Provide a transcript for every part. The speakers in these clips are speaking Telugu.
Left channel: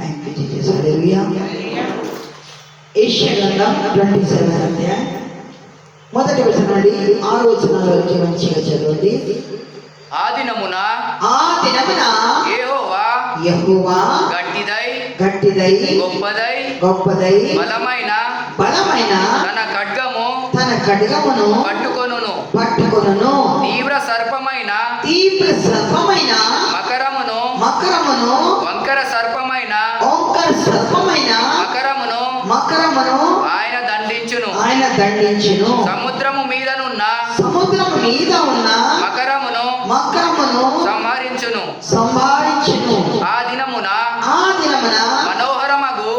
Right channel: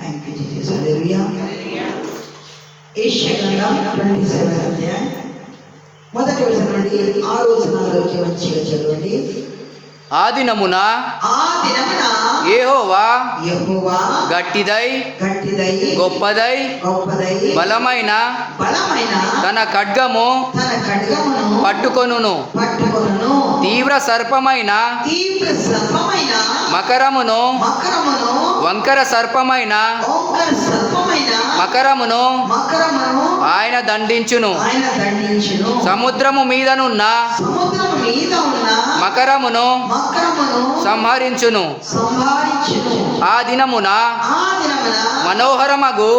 Thank you Jesus. హల్లెలూయా. యెషయా గ్రంథం 27 అధ్యాయం మొదటి వచనం నుండి 6వ వచనం వరకు మంచిగా చదవండి. ఆ దినమున యెహోవా గట్టిదై గొప్పదై బలమైన తన ఖడ్గమును పట్టుకొనును. తీవ్ర సర్పమైన మకరమును వంకర సర్పమైన మకరమును ఆయన దండించును. సముద్రము మీదనున్న మకరమును సంహరించును. ఆ దినమున మనోహరమగు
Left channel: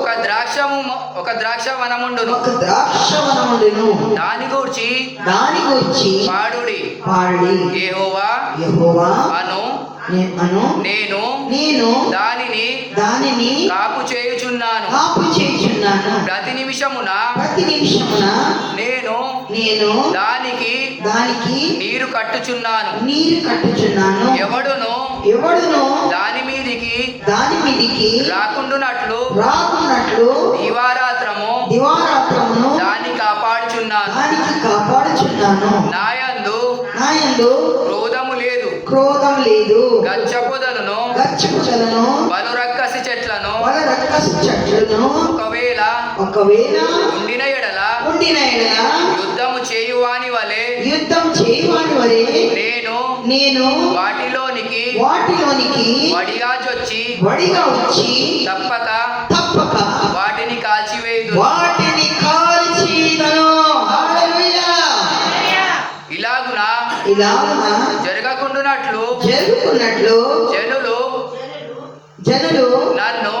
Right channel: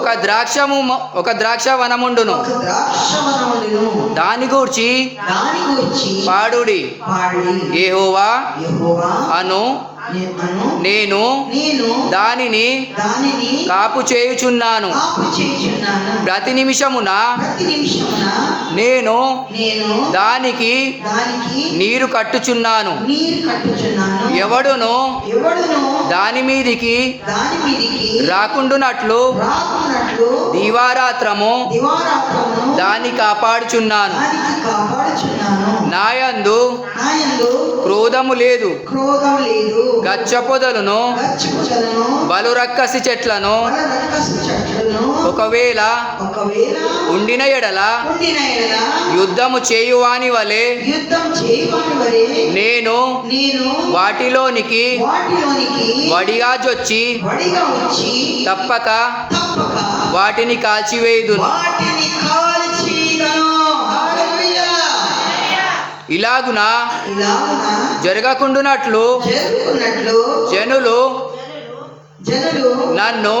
ఒక ద్రాక్ష వనముండును. దాని గూర్చి పాడుడి. యెహోవా అను నేను దానిని కాపు చేయుచున్నాను. ప్రతి నిమిషమున నేను దానికి నీరు కట్టుచున్నాను. ఎవడును దాని మీదికి రాకుండునట్లు దివారాత్రము దాన్ని కాపాడుచున్నాను. నాయందు క్రోధము లేదు. గచ్చ పొదలను బలు రక్కసి చెట్లను ఒకవేళ ఉండిన ఎడల యుద్ధము చేయువాని వలె నేను వాటిలోనికి వడిగా జొచ్చి తప్పక వాటిని కాల్చివేయుదును. ఇలాగున జరగకుండునట్లు జనులు నన్ను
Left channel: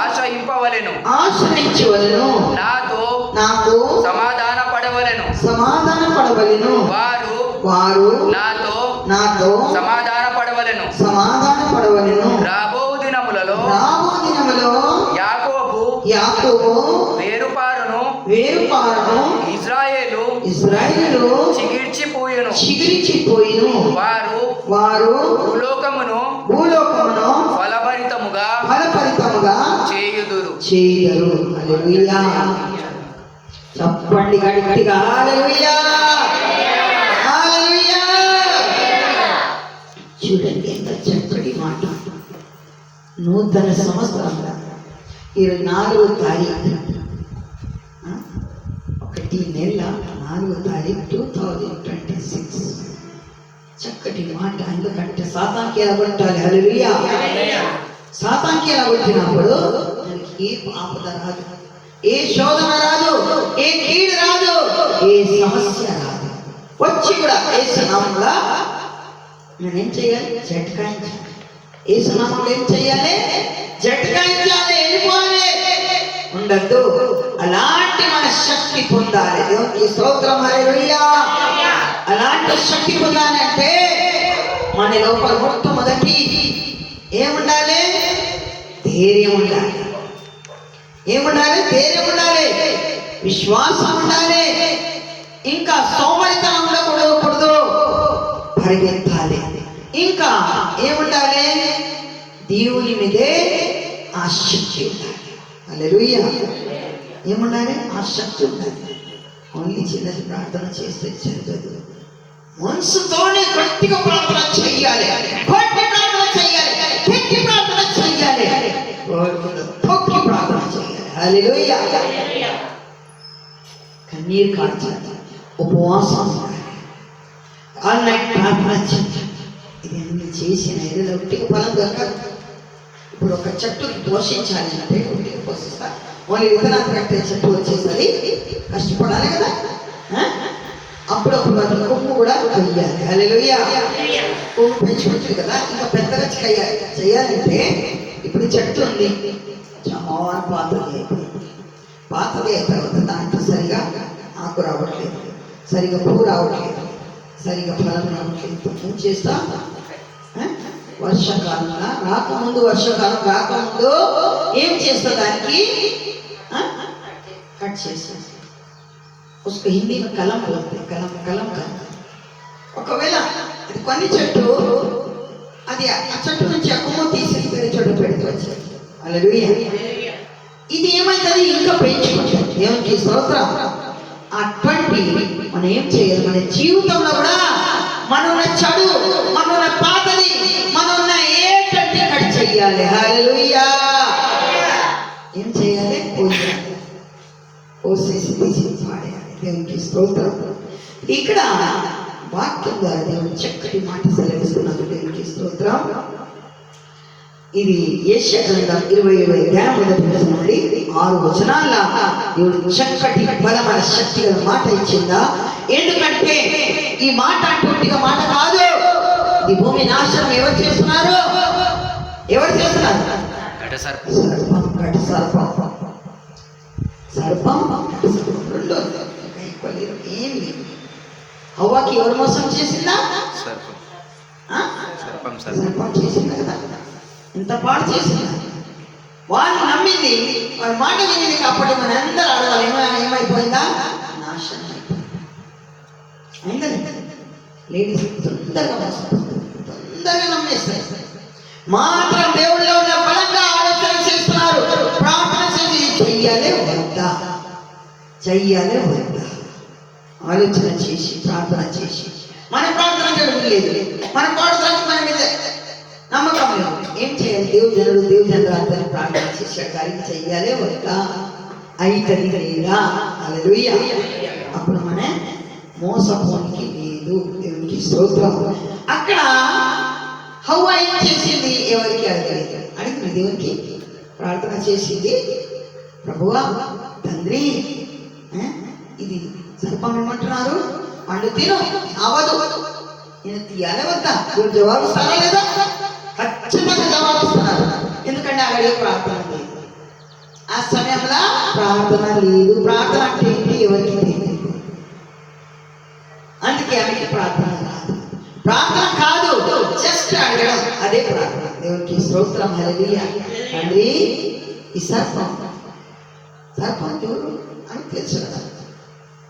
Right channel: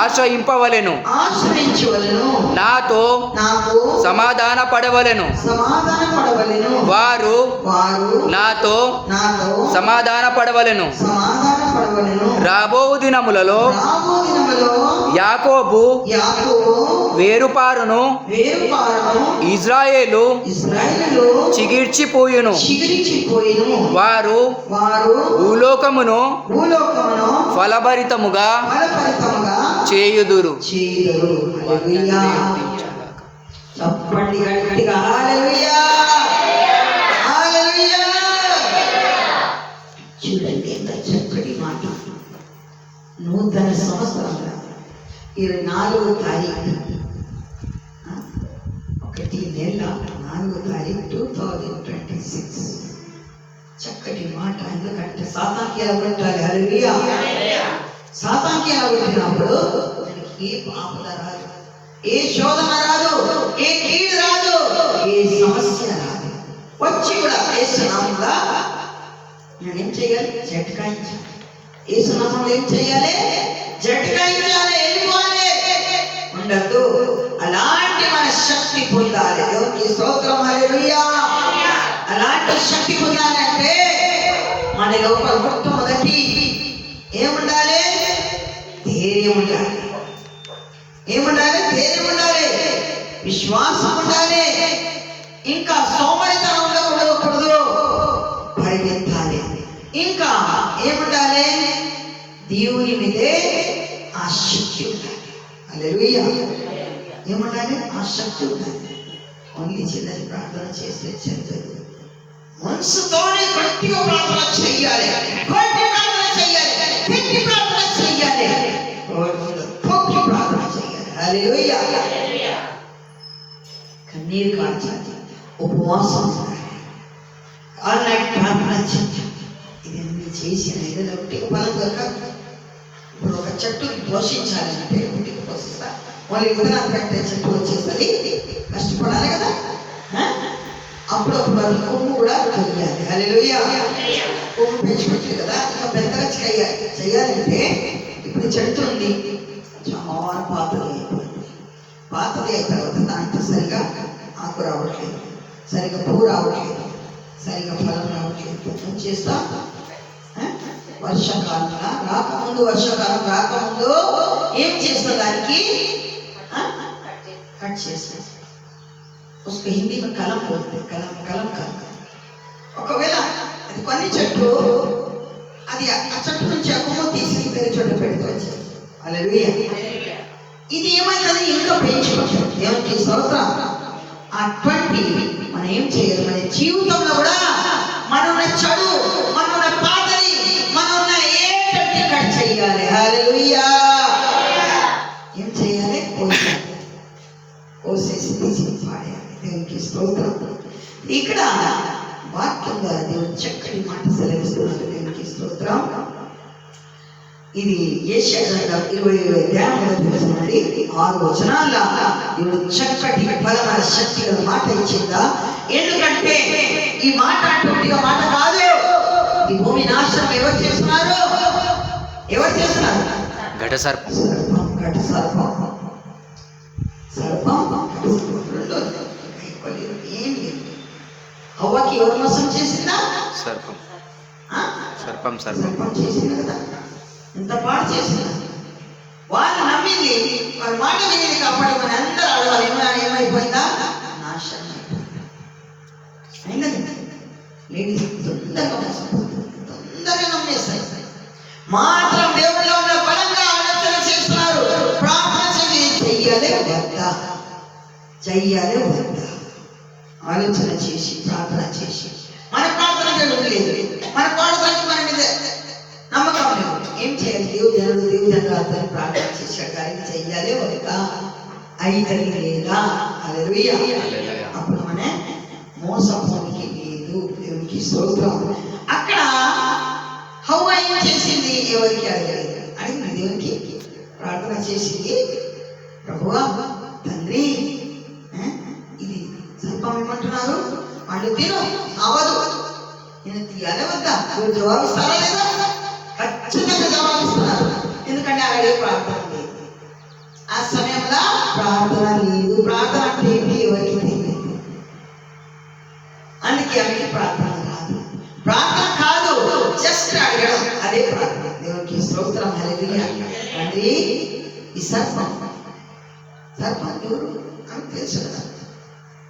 ఆశ్రయింపవలెను. నాతో సమాధాన పడవలెను. వారు నాతో సమాధాన పడవలెను. రాబో దినములలో యాకోబు వేరుపారును ఇజ్రాయేలు చిగిర్చిపోయును. వారు భూలోకమును ఫలభరితముగా చేయుదురు. చెప్పండి గట్టిగా హల్లెలూయా. హల్లెలూయా. చూడండి ఎంత చక్కటి మాట. నూతన సంవత్సరం 24వ తారీఖు 1 నెల 4వ తారీఖు 2026. చక్కటి మాట. ఎందుకంటే సాతానికి ఎలా కొట్టాలి? హల్లెలూయా. సాతానికి ఎలా కొట్టినప్పుడు ఏ ఆపద రాదు, ఏ శోధన రాదు, ఏ కీడు రాదు, ఏ సమస్య రాదు. వచ్చి కూడా యేసు నామములో నేనేం చేయాలి? జట్కాయించాలి. యేసు నామములో ఏం చేయాలి? జట్కాయించాలి. వెళ్ళిపోవాలి, ఉండద్దు. అలాంటి మన శక్తి పొందాలి. దేవునికి స్తోత్రం. హల్లెలూయా. అలాంటి శక్తి పొందాలంటే మన లోపల మొట్టమొదటి ఏముండాలి? ధైర్యం ఉండాలి. ఏముండాలి? ధైర్యం ఉండాలి, విశ్వాసం ఉండాలి. ఇంకా సోమరితనం ఉండకూడదు, పరిగెత్తాలి. ఇంకా ఏముండాలి? దేవుని మీదే ఆసక్తి ఉండాలి. హల్లెలూయా. ఏముండాలి? ఆసక్తి ఉండాలి. ఓన్లీ చిన్నది ప్రార్థన చేస్తే చెందదు. మనసుతోనే గట్టిగా ప్రార్థన చెయ్యాలి. గట్టి ప్రార్థన చెయ్యాలి. గట్టి ప్రార్థన చెయ్యాలి. తొక్కి ప్రార్థన చెయ్యాలి. హల్లెలూయా. కన్నీరు కార్చాలి, ఉపవాసం ఆల్నైట్ ప్రార్థన చెయ్యాలి. ఇవన్నీ చేసిన ఏదైనా ఒట్టికి ఫలం దొరకదు. ఇప్పుడు ఒక చెట్టుకి పోషించాలంటే ఒట్టికి పోషిస్తా. మళ్ళీ విత్తనాలు కట్టే చెట్టు వచ్చేసరి కష్టపడాలి కదా. అప్పుడప్పుడు అది కొమ్ము కూడా కొయ్యాలి. హల్లెలూయా. కొమ్ము పెంచుకుంటుంది కదా, ఇంకా పెద్దగా చేయాలంటే ఇప్పుడు చెట్టు ఉంది, చాలా పాతది అయిపోయింది. పాతది అయిన తర్వాత దాంట్లో సరిగా ఆకు రావట్లేదు, సరిగా పువ్వు రావట్లేదు, సరిగా ఫలం రావట్లేదు. ఏం చేస్తా? వర్షాకాలంలో వర్షాకాలం రాకముందు ఏం చేస్తా? దానికి కట్ చేస్తా. उसको हिंदी में कलम बोलते हैं. कलम करता. ఒకవేళ అది కొన్ని చెట్టు అది ఆ చెట్టు నుంచి కొమ్మ తీసి వేరే చోట వచ్చాయి. హల్లెలూయా. ఇది ఏమైతుంది? ఇంకా పెంచుకుంటాం. దేవునికి స్తోత్రం. అటువంటి మనం ఏం చేయాలి? మన జీవితంలో కూడా మనన్న చెడు, మనన్న పాతది, మనన్న ఏంటంటే కట్ చెయ్యాలి. హల్లెలూయా. ఏం చేయాలి? కోసేసి తీసి పాడేయాలి. దేవునికి స్తోత్రం. ఇక్కడ వాక్యం ద్వారా దేవుని చక్కటి మాట సెలవిస్తున్నారు. దేవునికి స్తోత్రం. ఇది యెషయా గ్రంథం 27వ అధ్యాయం 1 నుండి 6 వచనాల దేవుడు చక్కటి బలమైన శక్తి గల మాట ఇచ్చిందా. ఎందుకంటే ఈ మాట అటువంటిగా మాట కాదు. ఈ భూమి నాశనం ఎవరు చేస్తున్నారు? ఎవరు చేస్తున్నారు? ఘట సర్పం. ఘట సర్పం. సర్పం ఏమి హవ్వకి ఎవరు మోసం చేసిందా? సర్పం. సర్పం సర్పం చేసింది కదా. ఎంత పాడు చేసిందా? వాళ్ళు నమ్మింది, వాళ్ళ మాట వినేది కాబట్టి మన అందరూ అడగాలి. ఏమైపోయిందా? నాశనం అయిపోయింది. లేడీస్ తొందరగా నమ్మేస్తాయి. మాత్రం దేవుడిలో ఉన్న బలంగా ఆలోచన చేస్తున్నారు. ప్రార్థన చేసి చెయ్యాలే వద్దా, చెయ్యాలే వద్దా ఆలోచన చేసి ప్రార్థన చేసి మన ప్రార్థన జరుగుతుంది. మన ప్రార్థన మన మీద నమ్మకం లేదు. ఏం చేయాలి? దేవుజనులు ప్రార్థన చేశాడు కానీ చెయ్యాలే వద్దా, అయితది లేదా? హల్లెలూయా. అప్పుడు మన మోసపోనికి లేదు. దేవునికి స్తోత్రం. అక్కడ హవ్వ ఏం చేసింది? ఎవరికి అడగలేదు. అడిగింది దేవునికి, ప్రార్థన చేసింది. ప్రభువా, తండ్రి, ఇది సర్పం ఏమంటున్నారు? పండు తిను, అవదు. నేను తీయాలే వద్దా? మీరు జవాబిస్తారా లేదా? ఖచ్చితంగా జవాబిస్తున్నారు. ఎందుకంటే అక్కడ ప్రార్థన లేదు. ఆ సమయంలో ప్రార్థన లేదు. ప్రార్థన అంటే ఏంటి? ఎవరికి తెలియదు. అందుకే ఆమెకి ప్రార్థన రాదు. ప్రార్థన కాదు, జస్ట్ అడగడం, అదే ప్రార్థన. దేవునికి స్తోత్రం. హల్లెలూయా. తండ్రి, ఈ సర్పం ఎవరు అని తెలుసు కదా.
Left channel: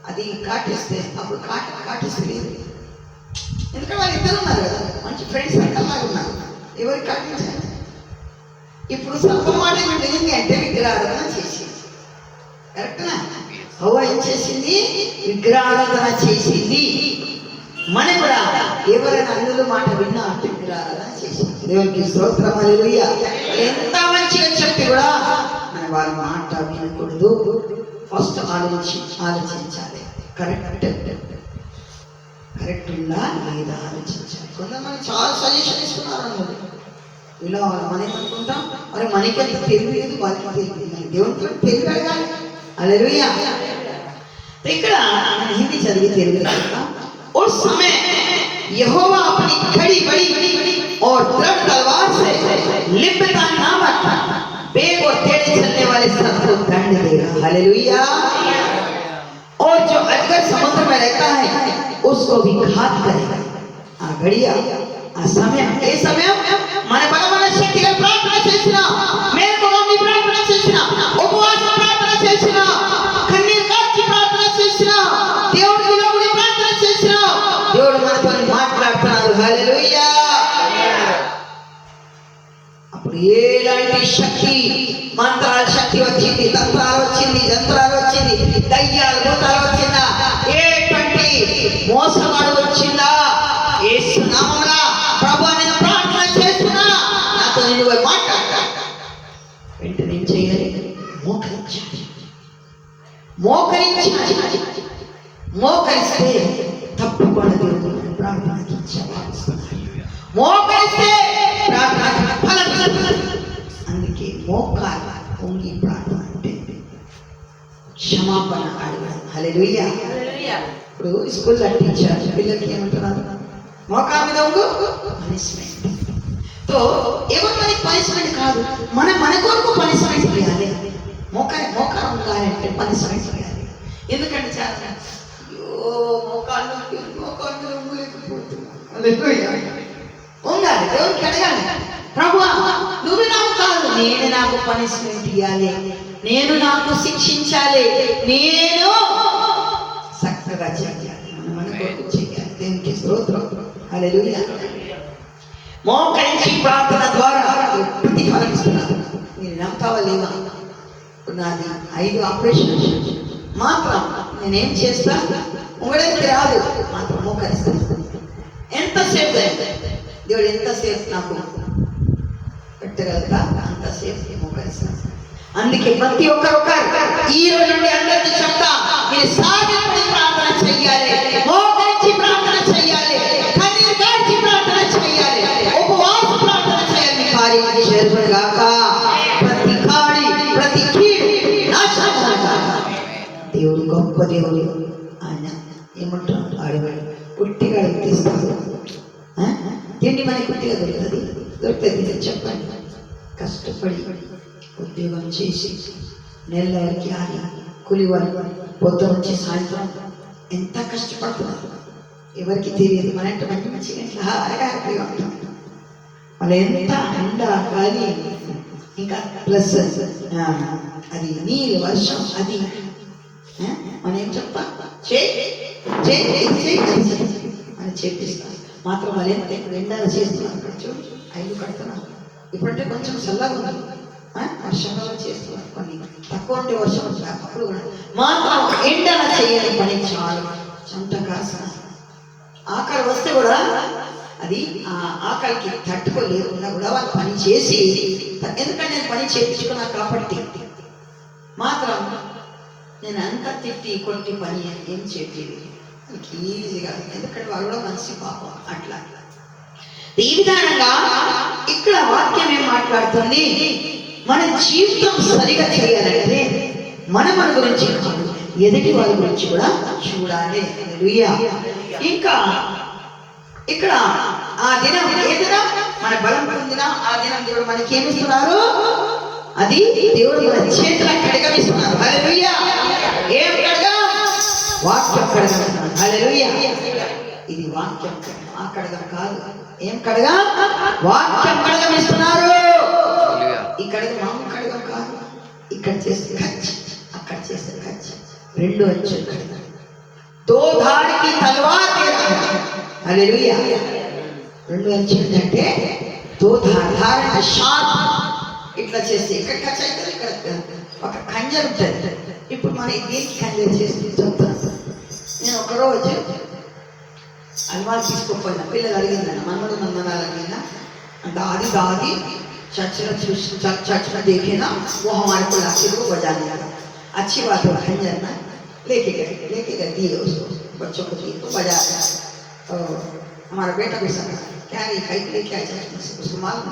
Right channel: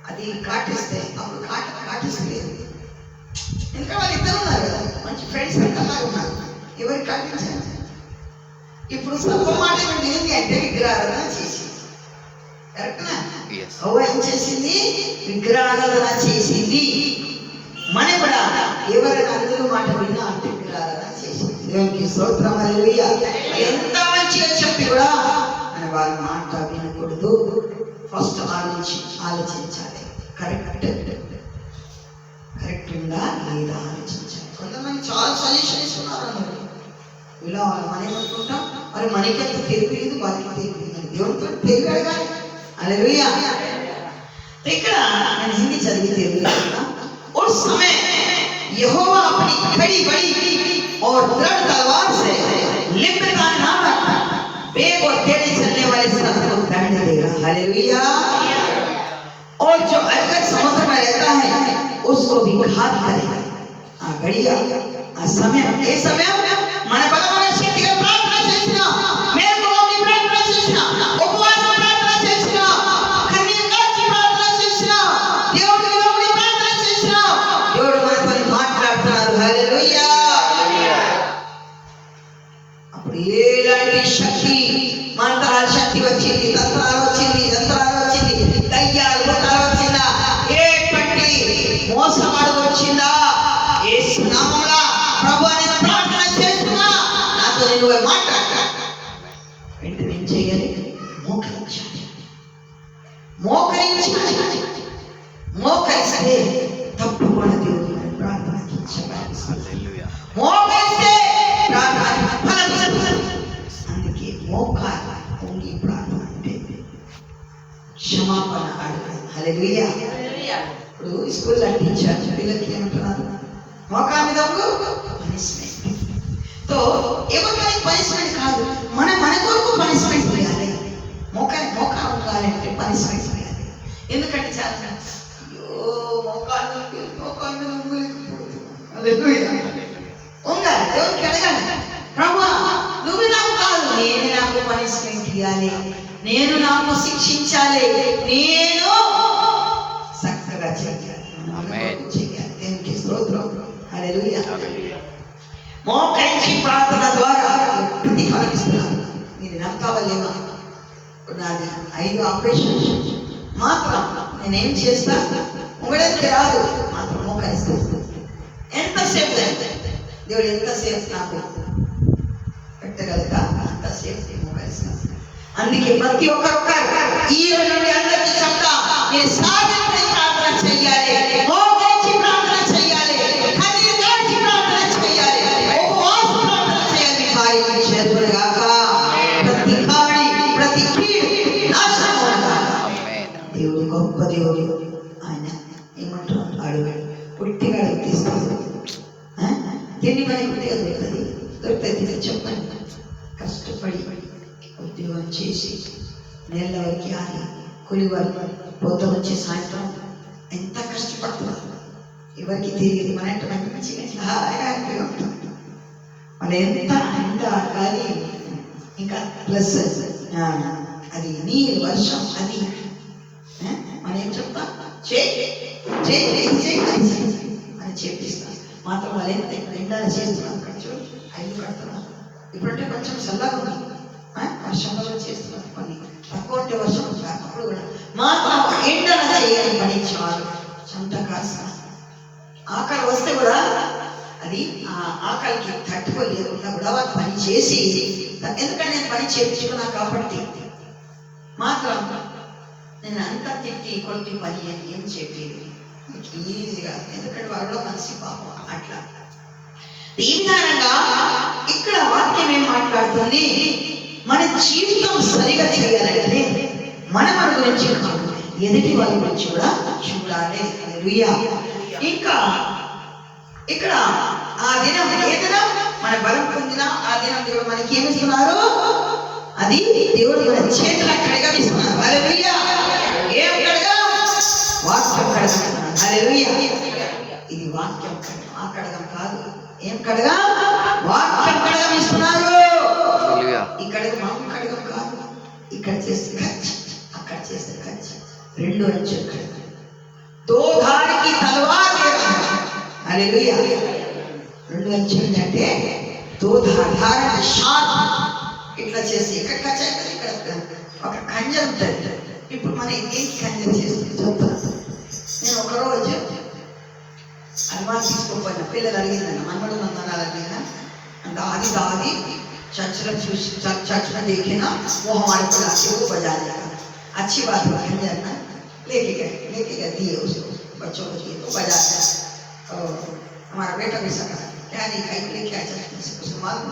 అది కాటేస్తే అప్పుడు కాటేస్తలేదు. ఎందుకంటే వాళ్ళు ఇద్దరు ఉన్నారు కదా, మంచి ఫ్రెండ్స్ అలాగే ఉన్నారు. ఎవరికి కాటించాలి? ఇప్పుడు సర్పం మాట ఏంటి అంటే విగ్రహారాధన చేసింది. కరెక్టా? హవ్వ ఏం చేసింది? విగ్రహారాధన చేసింది. మన కూడా ఎవరైనా అందులో మాట విన్నా అంటే విగ్రహారాధన చేసింది. దేవునికి స్తోత్రం. హల్లెలూయా. ఎంత మంచిగా చెప్పి కూడా మన వారి మాట వినకూడదు. ఫస్ట్ ఆలోచించాలి. కరెక్ట్ ఉందా లేదా ఆలోచించాలి. కొంతమంది చాలా సజెషన్ ఇస్తున్నారు అన్నది. ఇలా మనకి అనుకుంటాం, మరి మనకెంత తెలియలేదు, వాళ్ళకి తెలియదు. దేవునితో తెలివి అడగాలి. హల్లెలూయా. ఇక్కడ నేను హిందీ చదివి తెలియదు. उस समय यहोवा अपनी खड़ी बड़ी और दृढ़ तलवार से लिब्बतान नामक बेग और टेढ़े चलने वाले सर्प को दंड देगा. हालेलुया. और जो अजगर समुद्र में रहता है उसको भी घात करेगा. आ घड़िया आ समय ये समय మన బలమైన శక్తిగా ప్రార్థన చేసినా, మేల్కొని ప్రార్థన చేసినా, ఉపవాస ప్రార్థన చేసినా, కన్నీరు కార్చి ప్రార్థన చేసినా, దేవుడికి ప్రార్థన చేసినా, దేవుడు మనతో మాట్లాడుతున్నారు. హల్లెలూయా. అప్పుడు ఎలాంటి శక్తి, మంత్రాల శక్తి వచ్చింది, తంత్రాలు వచ్చింది, యంత్రాలు వచ్చింది, దయ్యాలు భూతాలు వచ్చిందా, ఏటువంటి మోసగాడు వచ్చిందా, యేసు నామములో ప్రభువా నేను ప్రార్థన చేస్తున్నా, నాతో నువ్వు మాట్లాడు. వెంటనే ఏం చేయాలి? మోకరించాలి. మోకరిస్తే తప్పకుండా దేవుడు ప్రార్థనకి జవాబిస్తాడు. మోకరిస్తే ప్రార్థనకి ఫలం ఇస్తాడు. అందుకే మోకాలు పొంగి ప్రార్థన అంటే క్షమాపణ అడగడం. హల్లెలూయా. ఇప్పుడు స్కూల్లో టీచర్ పిల్లలకి ఏమంటున్నారు? మోకాల మీద పనిష్మెంట్. తో ఏమో మనకి పనిష్మెంట్ కాదు, మన కొరకు పనిష్మెంట్ చేయాలి. మోకాలు కాలంటే పనిష్మెంట్ చేయాలి. ఎందుకంటే చాలా మోకాళ్ళు ఉండాలి. దేవునికి అడగాలి, ప్రభువా నువ్వు నాకు కాదు, నేను నాకు పనిష్మెంట్ ఇవ్వాలి, నేను నాకు శిక్షించాలి, నేను చక్కగా చేయాలి, చేయాలి. దేవునికి స్తోత్రం. హల్లెలూయా. మోకరించి ప్రార్థన ద్వారా ప్రతిఫలం ఇస్తున్నారు. లేవా? నాది 5 ఆపరేషన్ మాత్రం నేనేం చేస్తా, ఉండడానికి రాదు మాత్రం మోకరిస్తాను. ఎంతసేపు దేవుడు ఎంతసేపు నాకు పెట్టగలుగుతా అంతసేపు మోకరిస్తాను. అందుకే ప్రతి ఒక్కరు ఈ రోజు నుండి అందరికీ చెప్తా, మీరు సాగిపడి ప్రార్థన చెయ్యాలి, మోకరించి ప్రార్థన చెయ్యాలి, కన్నీరు కార్చి ప్రార్థన చెయ్యాలి, ఉపవాస ప్రార్థన చేయాలి. మీ కార్యం చేరుగాక, ప్రతి కాడి ప్రతి కీడు నాశనం కాక. దేవుడు గొప్ప దేవుడు. ఆయన ఏమంటారు, అడుగుడు పుట్టిగా తీస్తాడు. తిండి మనకి పుట్టిగా దొరుకుతుంది చెప్పండి. కష్టపడి ఉద్యోగం చేసి నెల వరకు ఆగి కూలి వరకు పొద్దు నుంచి సాయంత్రం ఎంత కష్టపడుతున్నారు ఎవరికి తెలియదు. మన అంటే మంచిగా హ్యాపీగా ఉంటాం. మన ఎంత ఎండ గాలి ఇంకా ప్లస్ అది నీరు వర్షం అది మనం ఏం చెప్తా అని చేపిస్తాం. మాత్రం వాళ్ళు ఎంత ఎండాలు చేస్తున్నారు. అక్కడ చూడు ఐదు కడుతున్నారు. ఇప్పుడంటే కొంచెం చల్లగా ఉంది, వర్షంలో చేస్తున్నారు. కొన్ని తక్కువ ఉంటే వర్షం అప్పుడు కూడా మాత్రం ఎండలా చేయాలి పని. చాలా చెమట కాస్త ఆకలి వస్తే కూడా అది ఆ ఆకలికి తట్టుకోలేకుండా కూడా వాళ్ళు పని చేసి, ఎందుకంటే నేను పని చేయించుకున్నా కాబట్టి మాత్రం నేను అంత తిట్టి కొట్టి పని ఏం చెప్పేది ఈజీగా, ఎందుకంటే వాళ్ళు మనిషి పాపం అట్లా. ఈ విధానంగా ఇక్కడ వాక్యం ఏం మాట్లాడుతుంది, మన జీవితం సరిగా చేయాలంటే మన గురించి కాదు, ఎదుటి వాళ్ళ గురించి కూడా చూడాలి. హల్లెలూయా. ఇంకా ఇక్కడ ఆ దినం ఏ దినం మన బలం పొందిన ఆ దినం దేవుడు మనకి ఏమిస్తున్నారు, అది దేవుడు మన చేతుల కడగమిస్తున్నారు. హల్లెలూయా. ఏం కడగ? వాక్యం కడగమిస్తున్నారు. హల్లెలూయా. ఇది వాక్యం కడగం, ఆ కడగం కాదు. ఏం కడగా? వాక్యం కడగమిస్తున్నారు. ఇక్కడ మనం కడగం కాదు. ఇక్కడ చేస్తే ఖర్చు, అక్కడ చేస్తే ఖర్చు. 2 అంచెలు కడగం. దో ధారికి తలవార్. హల్లెలూయా. 2 అంచెలు అంటే దో ధార షార్ప్ ఇట్లా చేసి ఇక్కడ ఖర్చు అవుతుంది. ఇక్కడ ఒక ఖంజర్ ఉంటుంది. ఇప్పుడు మనం దేనికి ఖంజర్ చేస్తుంది చెప్తాను. నేను ఒకరోజు అల్వా తీసుకోపోయినా, పిల్లలు అడిగిందన్న మనమడు మమ్మల్ని అడిగినా दादी दादी चर्च में देखे ना, वो हमारे को लाके वो बजा दिया। अच्छी बात है, खंजर ना लेके गए दिए उसको, बच्चों को दिए तो बजा दिया। हमारा बेटा भी सका क्या नहीं खाई लेके आ जाए, उसको मालूम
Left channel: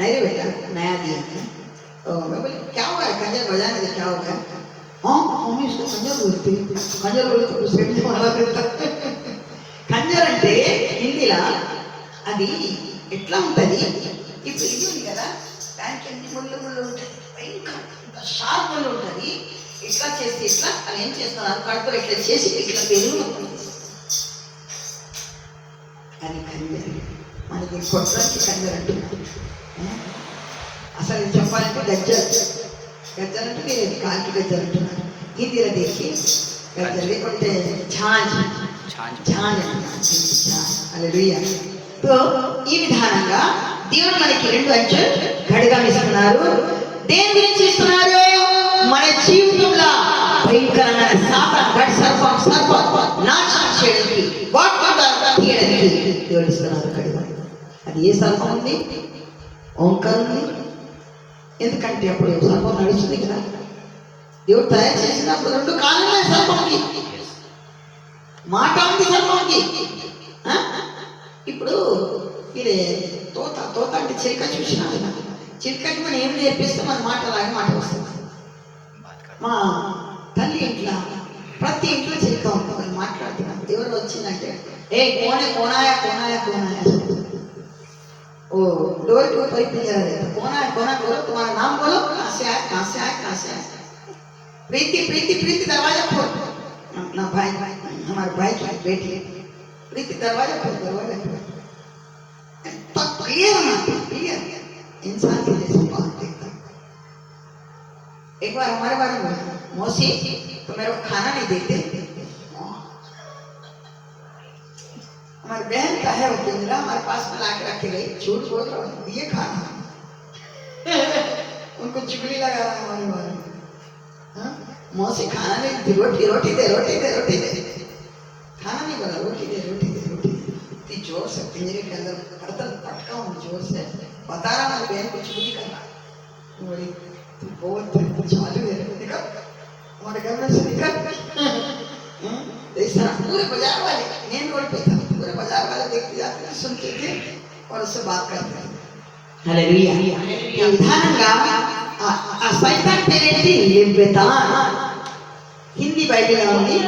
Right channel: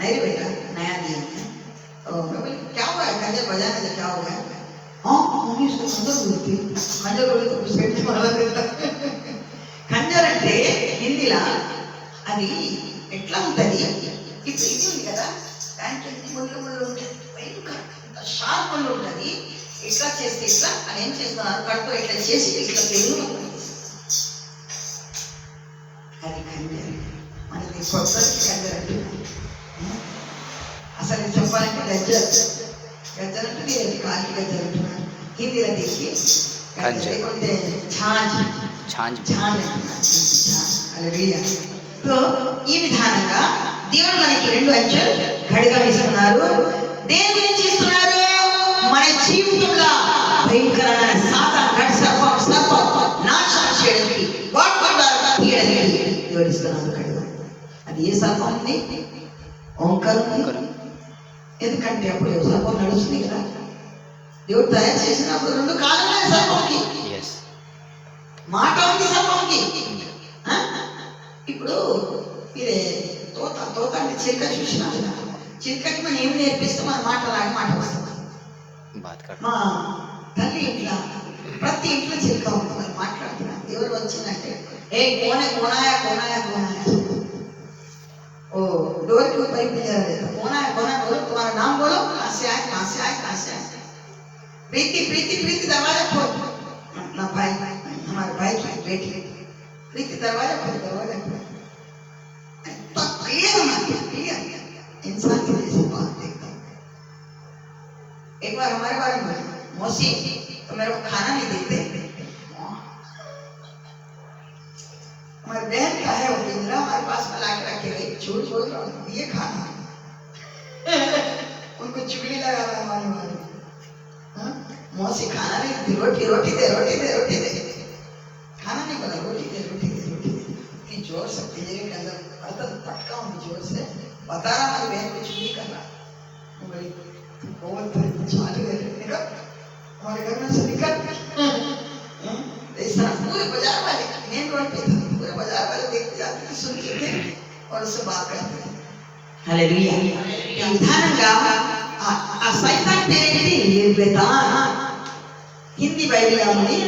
नहीं बेटा नया दिया है। क्या हुआ है, खंजर बजाने से क्या हो गया? हाँ मम्मी उसको खंजर बोलते तो कुछ नहीं मारा देता। खंजर అంటే హిందీలా అది ఎట్లా ఉంటుంది, ఇప్పుడు ఇది ఉంది కదా, దానికి అన్ని ముళ్ళు ఉంటుంది, భయంకర షార్ప్ ముళ్ళు ఉంటుంది. ఇట్లా చేస్తే ఇట్లా అని ఏం చేస్తున్నారు, కడుపులో ఇట్లా చేసి ఇట్లా తెలుగు అది ఖంజర్. మనకి కొట్టడానికి ఖంజర్ అంటున్నారు. అసలు చెప్పాలంటే గజ్జర్ అంటే మీరు కాకి గజ్జర్ అంటున్నారు. హిందీలో తీసి గజ్జర్ లేకుంటే ఛాంజ్. సో ఈ విధానంగా దేవుడు మనకి 2 అంచెలు గడిగమిస్తున్నారు. దేని గురించి ఇస్తున్నారు? మన జీవితంలో భయంకరమైన సర్పం నాశనం చేయడానికి, తీయడానికి దేవుడు ఇస్తున్నారు గడిగ. అది ఏ సర్పం ఉంది? ఓంకారం ఉంది. ఎందుకంటే అప్పుడు సర్పం నడుస్తుంది కదా, దేవుడు తయారు చేసినప్పుడు 2 కాళ్ళ సర్పంకి మాట ఉంది సర్పంకి. ఇప్పుడు ఇదే తోత అంటే చిలుక చూసినారు కదా, చిలుకకి మనం ఏం నేర్పిస్తే మన మాట రాగా మాట వస్తుంది. మా తల్లి ఇంట్లో ప్రతి ఇంట్లో చిలుక ఉంటుంది, మాట్లాడుతున్నాను. ఎవరు వచ్చిందంటే ఏ కోనాయా ओ डोर के ऊपर ही जा रहे थे, कोना बोलो, तुम्हारा नाम बोलो, कहाँ से आए। प्रीति दरवाजा खोल। अपना भाई हमारे भाई की बेटी प्रीति दरवाजा खोल। तो क्लियर इंसान की जैसे बात देखता। एक बार हमारे बारे में मौसी तो मेरे को खाना नहीं देते, हमारी बहन का है वो पिंजरा हमारे पास में लाके रखे गए, झूठ बोल रहा हूँ, ये खाना उनको चुगली लगा रहा है हमारे बारे में। हाँ? मौसी खाना नहीं देती, रोटी रोटी दे रोटी दे रोटी दे, खाना नहीं बोला, रोटी दे रोटी दे रोटी दे। इतनी जोर से पिंजरे के अंदर बर्तन पटका हूँ जोर से, बता रहा हमारी बहन को चुगली करना। बोली तू बहुत चालू है, निकल हमारे घर में से निकल। ऐसा पूरे बाजार वाले मेन रोड पे था, पूरे बाजार वाले देखते जाते थे, सुनते थे और उससे बात करते थे। हालेलुया। ఈ విధానంగా ఆ సైతాన్ పేరేంటి? లెవితాన్. హిందీ బైబిల్ ఉంది,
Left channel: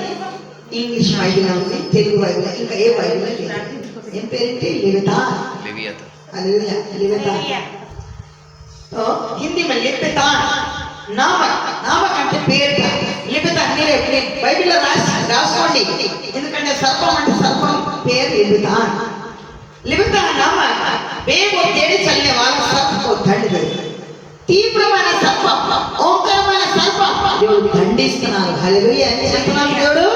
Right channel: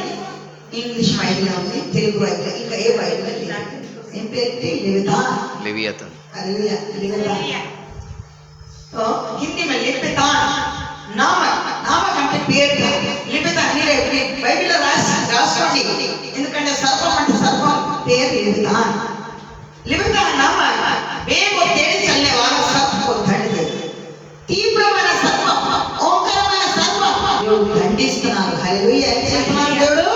ఇంగ్లీష్ బైబిల్ ఉంది, తెలుగు బైబిల్, ఇంకా ఏ బైబిల్ లేదు. ఏం పేరేంటి? లెవితాన్. लेवियातन हालेलुया, లెవితాన్. तो हिंदी में लెవితాన్ నామక అంటే పేరు. లెవితాన్ మీరే బైబిల్లో రాసుకోండి, ఎందుకంటే సర్పం అంటే సర్పం పేరు లెవితాన్. లెవితాన్ నామ వేగ తేడి చల్లే వాళ్ళ సర్పం దండి, తీవ్రమైన సర్పం, ఓంకారమైన సర్పం దేవుడు దండిస్తున్నారు. హల్లెలూయా. ఏం చేస్తున్నారు దేవుడు?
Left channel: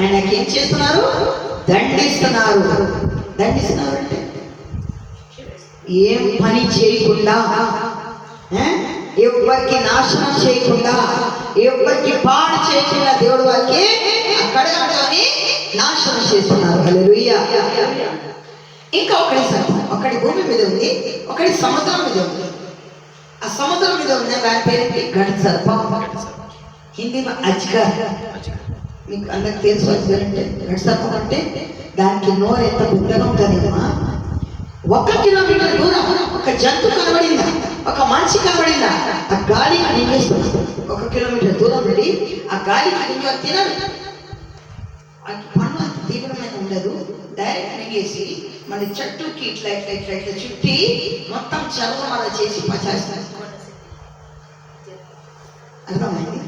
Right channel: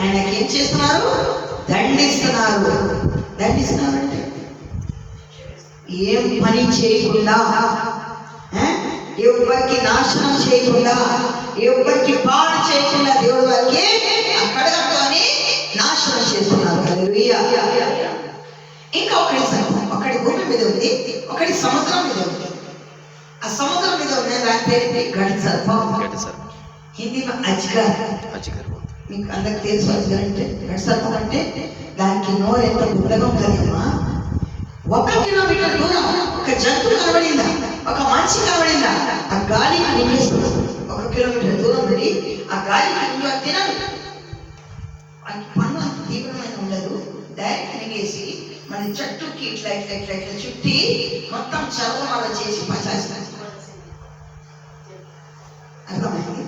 ఆయనకి ఏం చేస్తున్నారు? దండిస్తున్నారు. దండిస్తున్నారు అంటే ఏం పని చేయకుండా, ఎవరికి నాశనం చేయకుండా, ఎవరికి పాడు చేయకుండా దేవుడు వారికి అక్కడని నాశనం చేస్తున్నారు. హల్లెలూయా. ఇంకా ఒకటి సర్పం, ఒకటి భూమి మీద ఉంది, ఒకటి సముద్రం మీద ఉంది. ఆ సముద్రం మీద ఉన్న దాని పేరు గడ్ సర్పం, హిందీలో అజ్గర్. మీకు అందరికి తెలుసు అజ్గర్ అంటే, గడ్ సర్పం అంటే దానికి నోరు ఎంత పెద్దగా ఉంటుందమ్మా. 1 కిలోమీటర్ దూరం ఒక జంతువు కనబడిందా, ఒక మనిషి కనబడిందా, ఆ గాలికి నిండేస్తుంది. 1 కిలోమీటర్ దూరం నుండి ఆ గాలికి నిండు తినదు. పన్ను అంత తీవ్రమైన ఉండదు, డైరెక్ట్ మింగేసి మన చెట్టుకి ఇట్లా ఇట్లా ఇట్లా ఇట్లా చుట్టి మొత్తం చర్మం అలా చేసి పచాస్తారు. అర్థమైంది?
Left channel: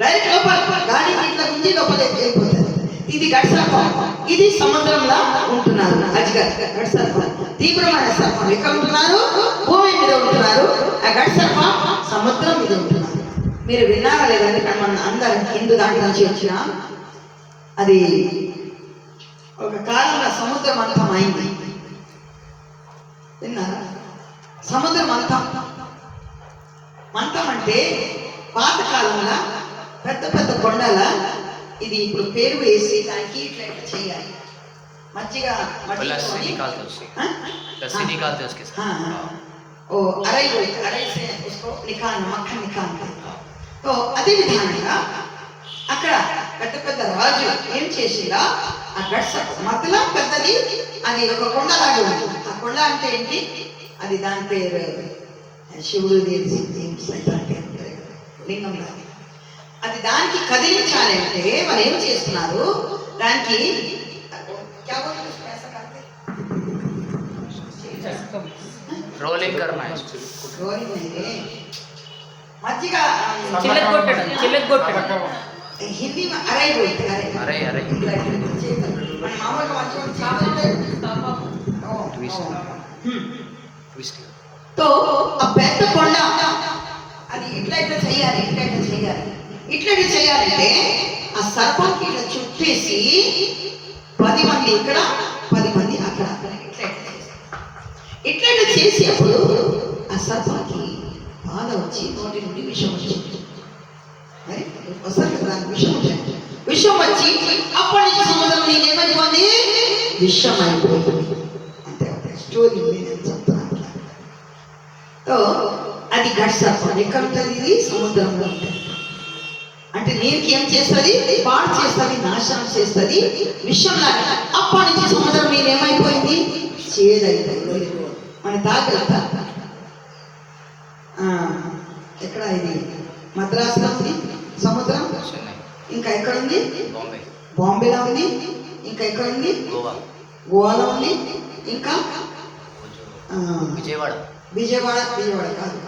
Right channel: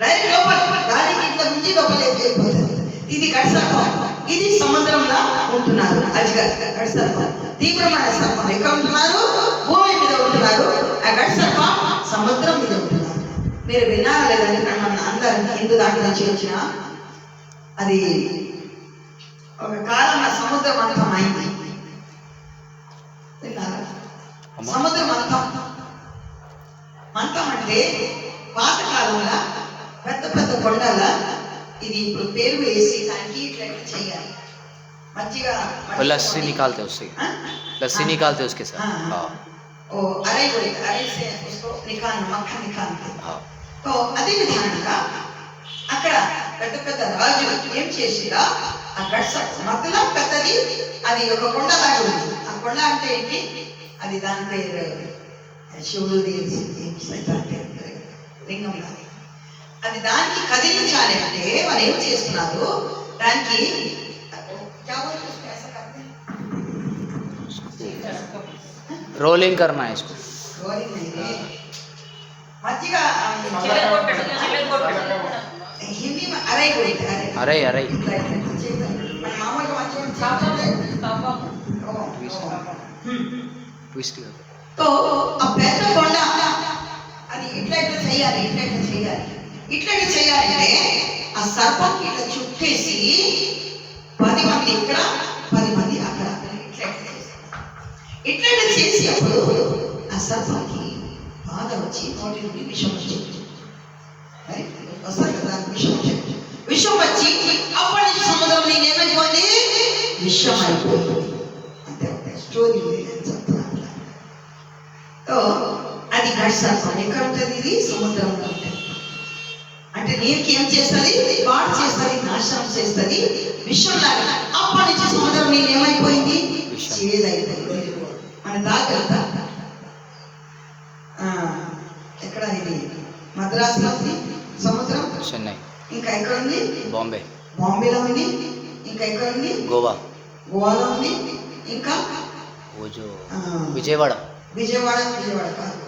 డైరెక్ట్ లోపల గాలికి ఇట్లా గుంజి లోపల వెళ్ళిపోతుంది. ఇది గడ్ సర్పం. ఇది సముద్రంలో ఉంటున్నారు. అజ్గర్ గడ్ సర్పం, తీవ్రమైన సర్పం. ఎక్కడ ఉంటున్నారు? భూమి మీద ఉంటున్నారు. ఆ గడ్ సర్పం సముద్రం మీద ఉంటున్నారు. మీరు విన్నారా లేదా? ఇక్కడ మన అందరం హిందూ దాంట్లో నుంచి వచ్చిన అది ఒక కాలంలో సముద్రం అంతం అయింది. విన్నారా? సముద్రం అంతం. మంతం అంటే పాత కాలంలో పెద్ద పెద్ద కొండల ఇది ఇప్పుడు పేరు వేసి దానికి ఇట్లా ఇట్లా చేయాలి. మజ్జిగ लस्सी निकालते उससे, लस्सी निकालते उसके साथ। ओ अराई बोलते, अराई से उसको निकालना, मक्खन निकालते। तो అదే విధంగా అక్కడ పెద్ద పెద్ద రాజు ఏం చేసిరా, ఆ గడ్స మధ్యలో పెద్దది అది ఒక కొండ లాగా ఉంది. ఆ కొండ అంటే ఏంటి? అది దాని పేరు శివుడు లింగం లాగా. అది దానికి కదిలించాలి అంటే మరి ఏం చేస్తున్నారు? దానికి रोलिंग करना है इसको। मज्जिग हिंदी में अराई बोलते हैं। अराई अराई तो अब పెద్ద కొండ అది ఇట్లా ఇట్లా చేయాలి, ఇట్లా ఇట్లా చేయాలి, ఇట్లా ఇట్లా చేయాలంటే ఆ సర్పంకి ఇట్లా చుట్టేసి 10 మంది ఇక్కడ 10 మంది అక్కడ ఇట్లా ఇట్లా చేసేప్పుడు ఆ సర్పంకి బాధ వచ్చి నోటి నుండి విషం వచ్చింది. వస్తారు కదా విషం వచ్చి అప్పటి నుంచి సముద్రం నీకు ఏమైపోయింది? విషం అయిపోయింది. అంటే స్టోరీ నేను చెప్తాను. అది గడ్ సర్పం. ఎక్కడ ఉంటుంది? ఇది సముద్రంలో ఉంటుంది. అంటే నీకు ఏం చేస్తుంది? పాడు చేస్తుంది, నాశనం చేస్తుంది, విషం లాగా. అప్పటి నుంచి సముద్రం నీళ్ళు ఏమైపోయింది? చేదైపోయింది. మన తాగలుగుతా ఎక్కడ ఇది మద్రాసులో ఉంది సముద్రం, చెన్నై, ఇంకా ఎక్కడ ఉంది? బాంబే, బాంబేలో ఉంది, ఇంకా ఎక్కడ ఉంది? గోవాలో ఉంది, ఇంకా విజయవాడ కాదు,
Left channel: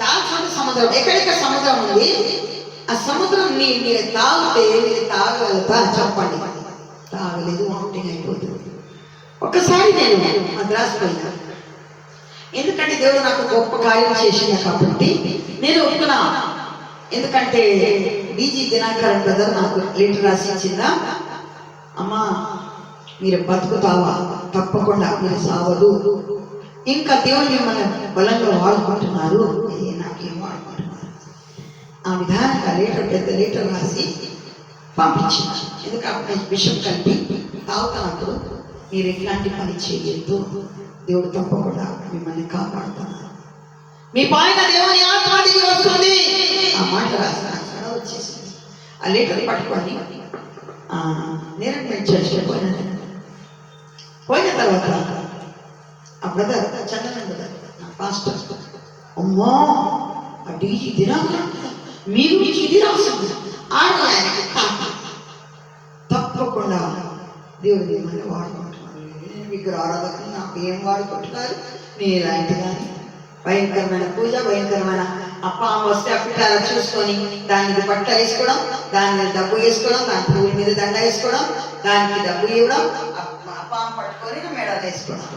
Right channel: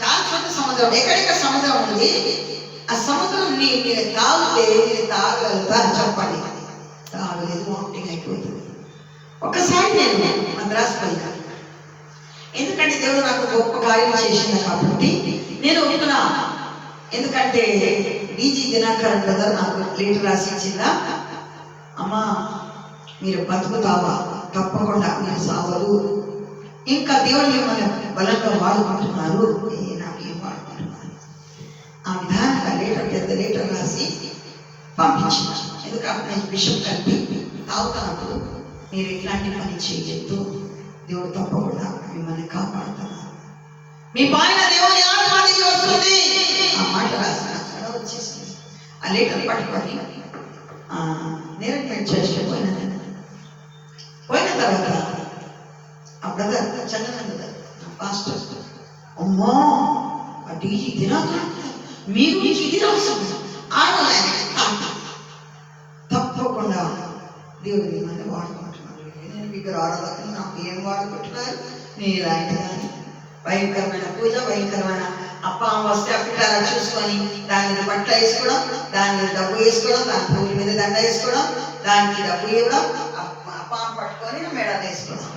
చాలా చోట్ల సముద్రం. ఎక్కడెక్కడ సముద్రం ఉంది? ఆ సముద్రం మీరు తాగితే మీరు తాగలుగుతా చెప్పండి. తాగలేదు, వామిటింగ్ అయిపోతుంది. ఒక్కసారి నేను మద్రాసు పోయినా, ఎందుకంటే దేవుడు నాకు గొప్ప కార్యం చేసింది కాబట్టి నేను ఒప్పుకున్నా. ఎందుకంటే డీజీ దినాకర్ బ్రదర్ నాకు లెటర్ రాసి ఇచ్చిందా, అమ్మా మీరు బతుకుతావా? తప్పకుండా మీరు సావదు. ఇంకా దేవుడు మిమ్మల్ని బలంగా వాడుకుంటున్నారు. నాకేం వాడుకుంటున్నారు? ఆ విధానంగా పెద్ద లీటర్ రాసి పంపించినారు. ఎందుకంటే విషయం కలిపి తాగుతున్నప్పుడు మీరు ఎట్లాంటి పని చేయొద్దు, దేవుడు తప్పకుండా మిమ్మల్ని కాపాడుతున్నారు. మీ పైన దేవుని ఆత్మ దిగి వస్తుంది. ఆ మాట రాసిన వచ్చేసింది. ఆ లీటర్ పట్టుకొని నేను చర్చలో పోయిన తర్వాత ఆ బ్రదర్ చంద్రన్ బ్రదర్ నా పాస్టర్, అమ్మో అది ఇది రాకుండా మీరు ఇది రాస్తుంది ఆయనకి తప్పకుండా దేవుడు ఏమన్నా వాడుకుంటున్నారు. నేను విగ్రహారాధకులు నాకు ఏం వాడుకుంటున్నారు? నేను ఇలాంటి దాన్ని భయంకరమైన పూజ, భయంకరమైన పాము వస్తే అప్పిటారా చూసుకొని దాని మీద బట్ట వేసుకోవడం, దాని మీద డబ్బు వేసుకోవడం, దాని పువ్వుల మీద దండ వేసుకోవడం, దానికి డబ్బు ఇవ్వడం, పాము పట్టుకొని మెడ వేసుకోవడం.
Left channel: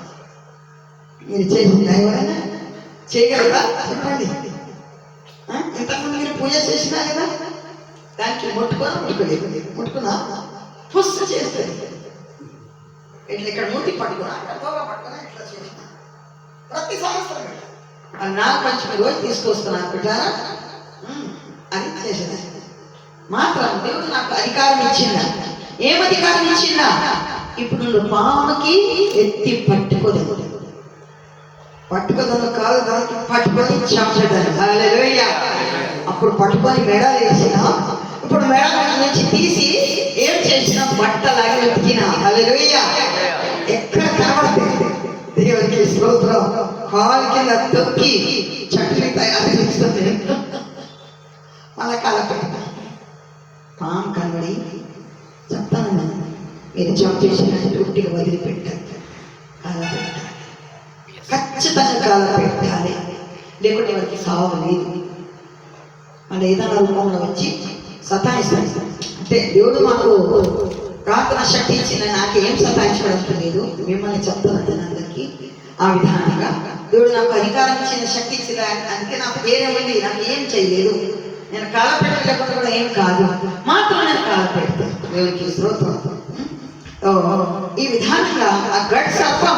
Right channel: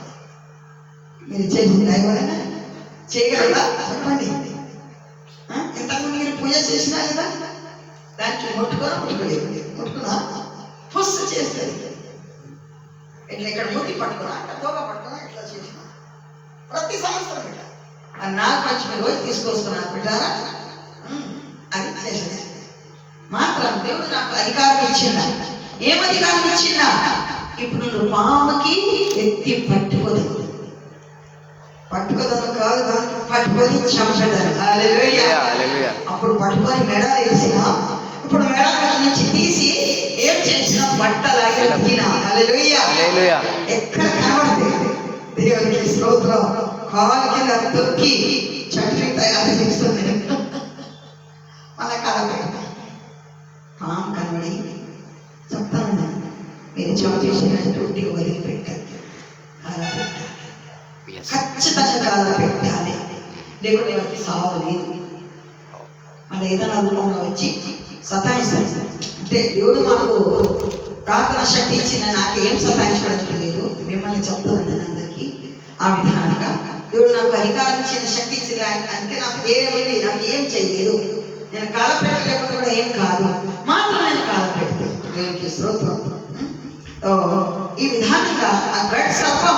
మీరు చేసింది ఎవరైనా చేయగలరా? చెప్పండి. ఇంతకుముందు మీరు పూజ చేసినా కదా, దానికి ముట్టుకోలేదు, ముట్టుకున్నా పుస్ చేస్తుంది. ఇట్లా ఇక్కడ మూతి పట్టుకున్నా, అక్కడ తోక పట్టుకున్నా, ఇట్లా చేసిన ప్రతి సంవత్సరం ఇట్లా నాకు పంచమి రోజు తీసుకొస్తున్నాను బిడ్డారా, అది చేసిన మాత్రం దేవుడు నాకు అధికారం ఇచ్చిందా? ఏం అధికారం ఇచ్చిందా? ఇప్పుడు నువ్వు పాముకి ఎత్తి పట్టుకోదు కాదు, దానికి పట్టుకొని చంపేదాన్ని. హల్లెలూయా. అప్పుడు పట్టుకొని మెడ వేసిన, ఇప్పుడు మెడ నుంచి తీసి ఏం చేసిన బట్టలాగి ఉతికిన. హల్లెలూయా. ఎక్కడ కనబడుతుంది? దేవునికి స్తోత్రం. కాలు కింద తొక్కి చట్నీ తయారు చేస్తుంది. మన కాలపైన పాము కనబడి చెప్తాను, మీరు జాబ్ చేసినట్టు వదిలిపెట్టాలి, కాల పెట్టాలి, ఖచ్చితంగా కాల పెట్టాలి. లేకుంటే వారికి సాగు లేదు. మన ఏదైనా రూపంలో వచ్చి సతాయిస్తాడు. అంటే దేవుడు మాకు ప్రార్థన శక్తి ఇచ్చిన నాకేం సతాయించడానికి లేదు, మిమ్మల్ని చెప్తాను అందరికీ. ఆ విధానంగా దేవుడు నాకు అధికారం ఇచ్చిన శక్తి ఇచ్చిన అందుకే నాకు ధైర్యం ఉంది. నాకు ఏం చేయలేదు, నేను కాల పెట్టలేకపోతే కూడా ఏం కాదు, మాత్రం నేను కాల పెడితే దేవునికి స్తోత్రం. ఈ విధానంగా ఆ గడ్ సర్పం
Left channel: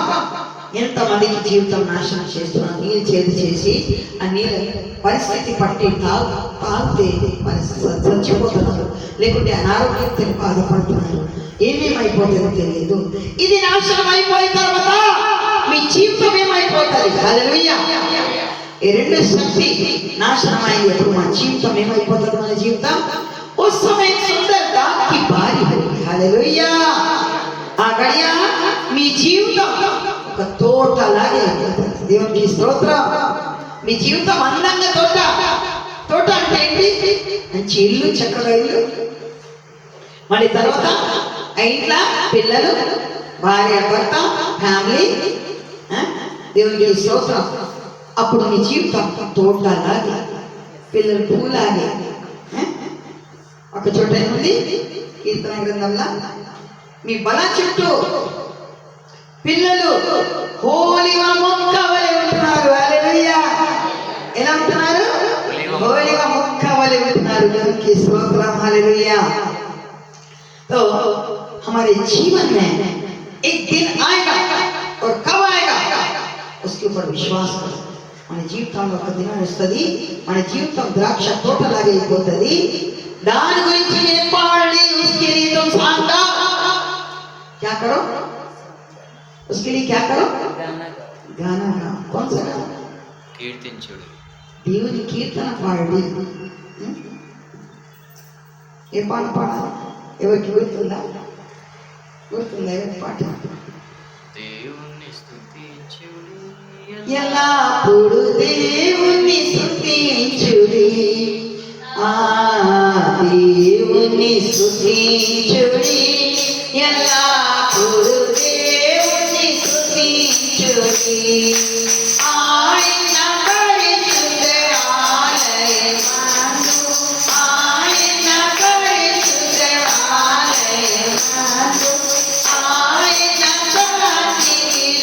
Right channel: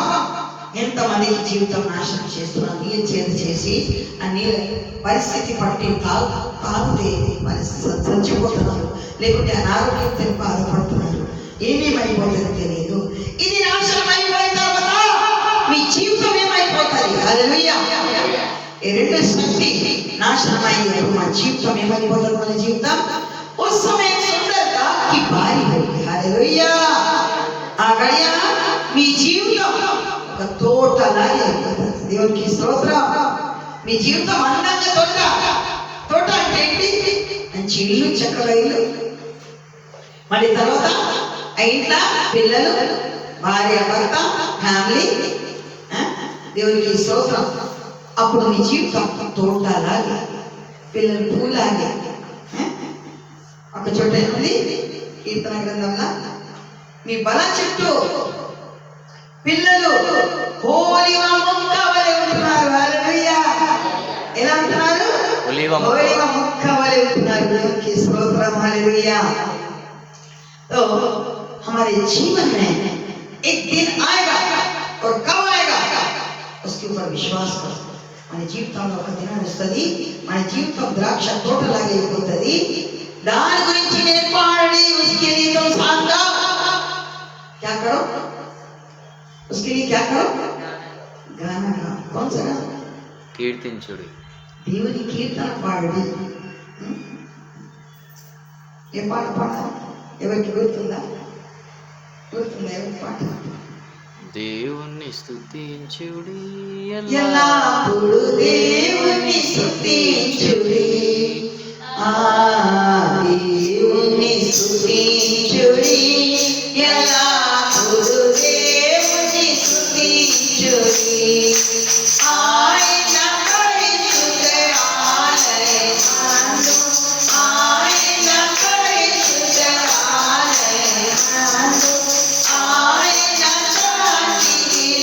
ఎంతమందికి జీవితం నాశనం చేస్తున్నాను. నీళ్ళు చేతి చేసి ఆ నీళ్ళ పరిస్థితి పట్టి తాగితే చచ్చిపోతున్నాను, లేకుంటే అనారోగ్యంతో బాధపడుతున్నాను, ఏమేమైపోతుందో తెలియదు. ఇది నాశనం అయిపోయిన తర్వాత మీ జీవితం ఏమైపోతుంది? హల్లెలూయా. ఈ రెండు శక్తి నాశనం అయ్యేప్పుడు మన జీవితం ఏమైపోతుంది? మన జీవితం उस समय सुंदरता की बारी होगी. హల్లెలూయా. ఆ గడియ మీ జీవితం ఒక తోటలాగే అయిపోతుంది. దేవునికి స్తోత్రం. మీ జీవితం అందంగా తోట అంటే ఏంటి? మంచి ఇల్లు, చక్కగా ఇల్లు, మరి తర్వాత ఆ ఇంట్లో పిల్లలు, భార్య, భర్త, ఫ్యామిలీ. దేవునికి స్తోత్రం. అప్పుడు మీ జీవితం తోటలాగే, పిల్లలు పూలాగే. ఒక చోట ఉంది కీర్తన గ్రంథంలో, మీ బల చుట్టూ పిల్లలు హోలివ మొక్క వలె ఉంటున్నారు. హల్లెలూయా. ఎలా ఉంటున్నారు? హోలివ మొక్క వలె ఉంటున్నారు. దేవునికి స్తోత్రం. హల్లెలూయా. तो हमारे जीवन में एक दिन आएगा और कब आएगा उसके ऊपर विश्वास करो. మన జీవితంలో ఒక దినం వస్తుంది, మన జీవితం ద్రాక్ష తోటలాగా అయిపోతుంది. दान गुరించి నేర్పాలి. उसके लिए तुम सांगा क्या करो? उसके लिए क्या करो? गाना. कौन सा गाना? కీర్తించుడు. దేవుని కీర్తన పాడి. ఏ పాట పాడాలి? ఎవరికి గుర్తుందా? పాట? దేవుణ్ణి స్తుతించుడి, ఎల్లప్పుడూ దేవుణ్ణి స్తుతించుడి. దేవుణ్ణి స్తుతించుడి, ఎల్లప్పుడూ దేవుణ్ణి స్తుతించుడి. ఆయన పరిశుద్ధ ఆలయమందు, ఆయన పరిశుద్ధ ఆలయమందు, ఆయన సన్నిధిలో,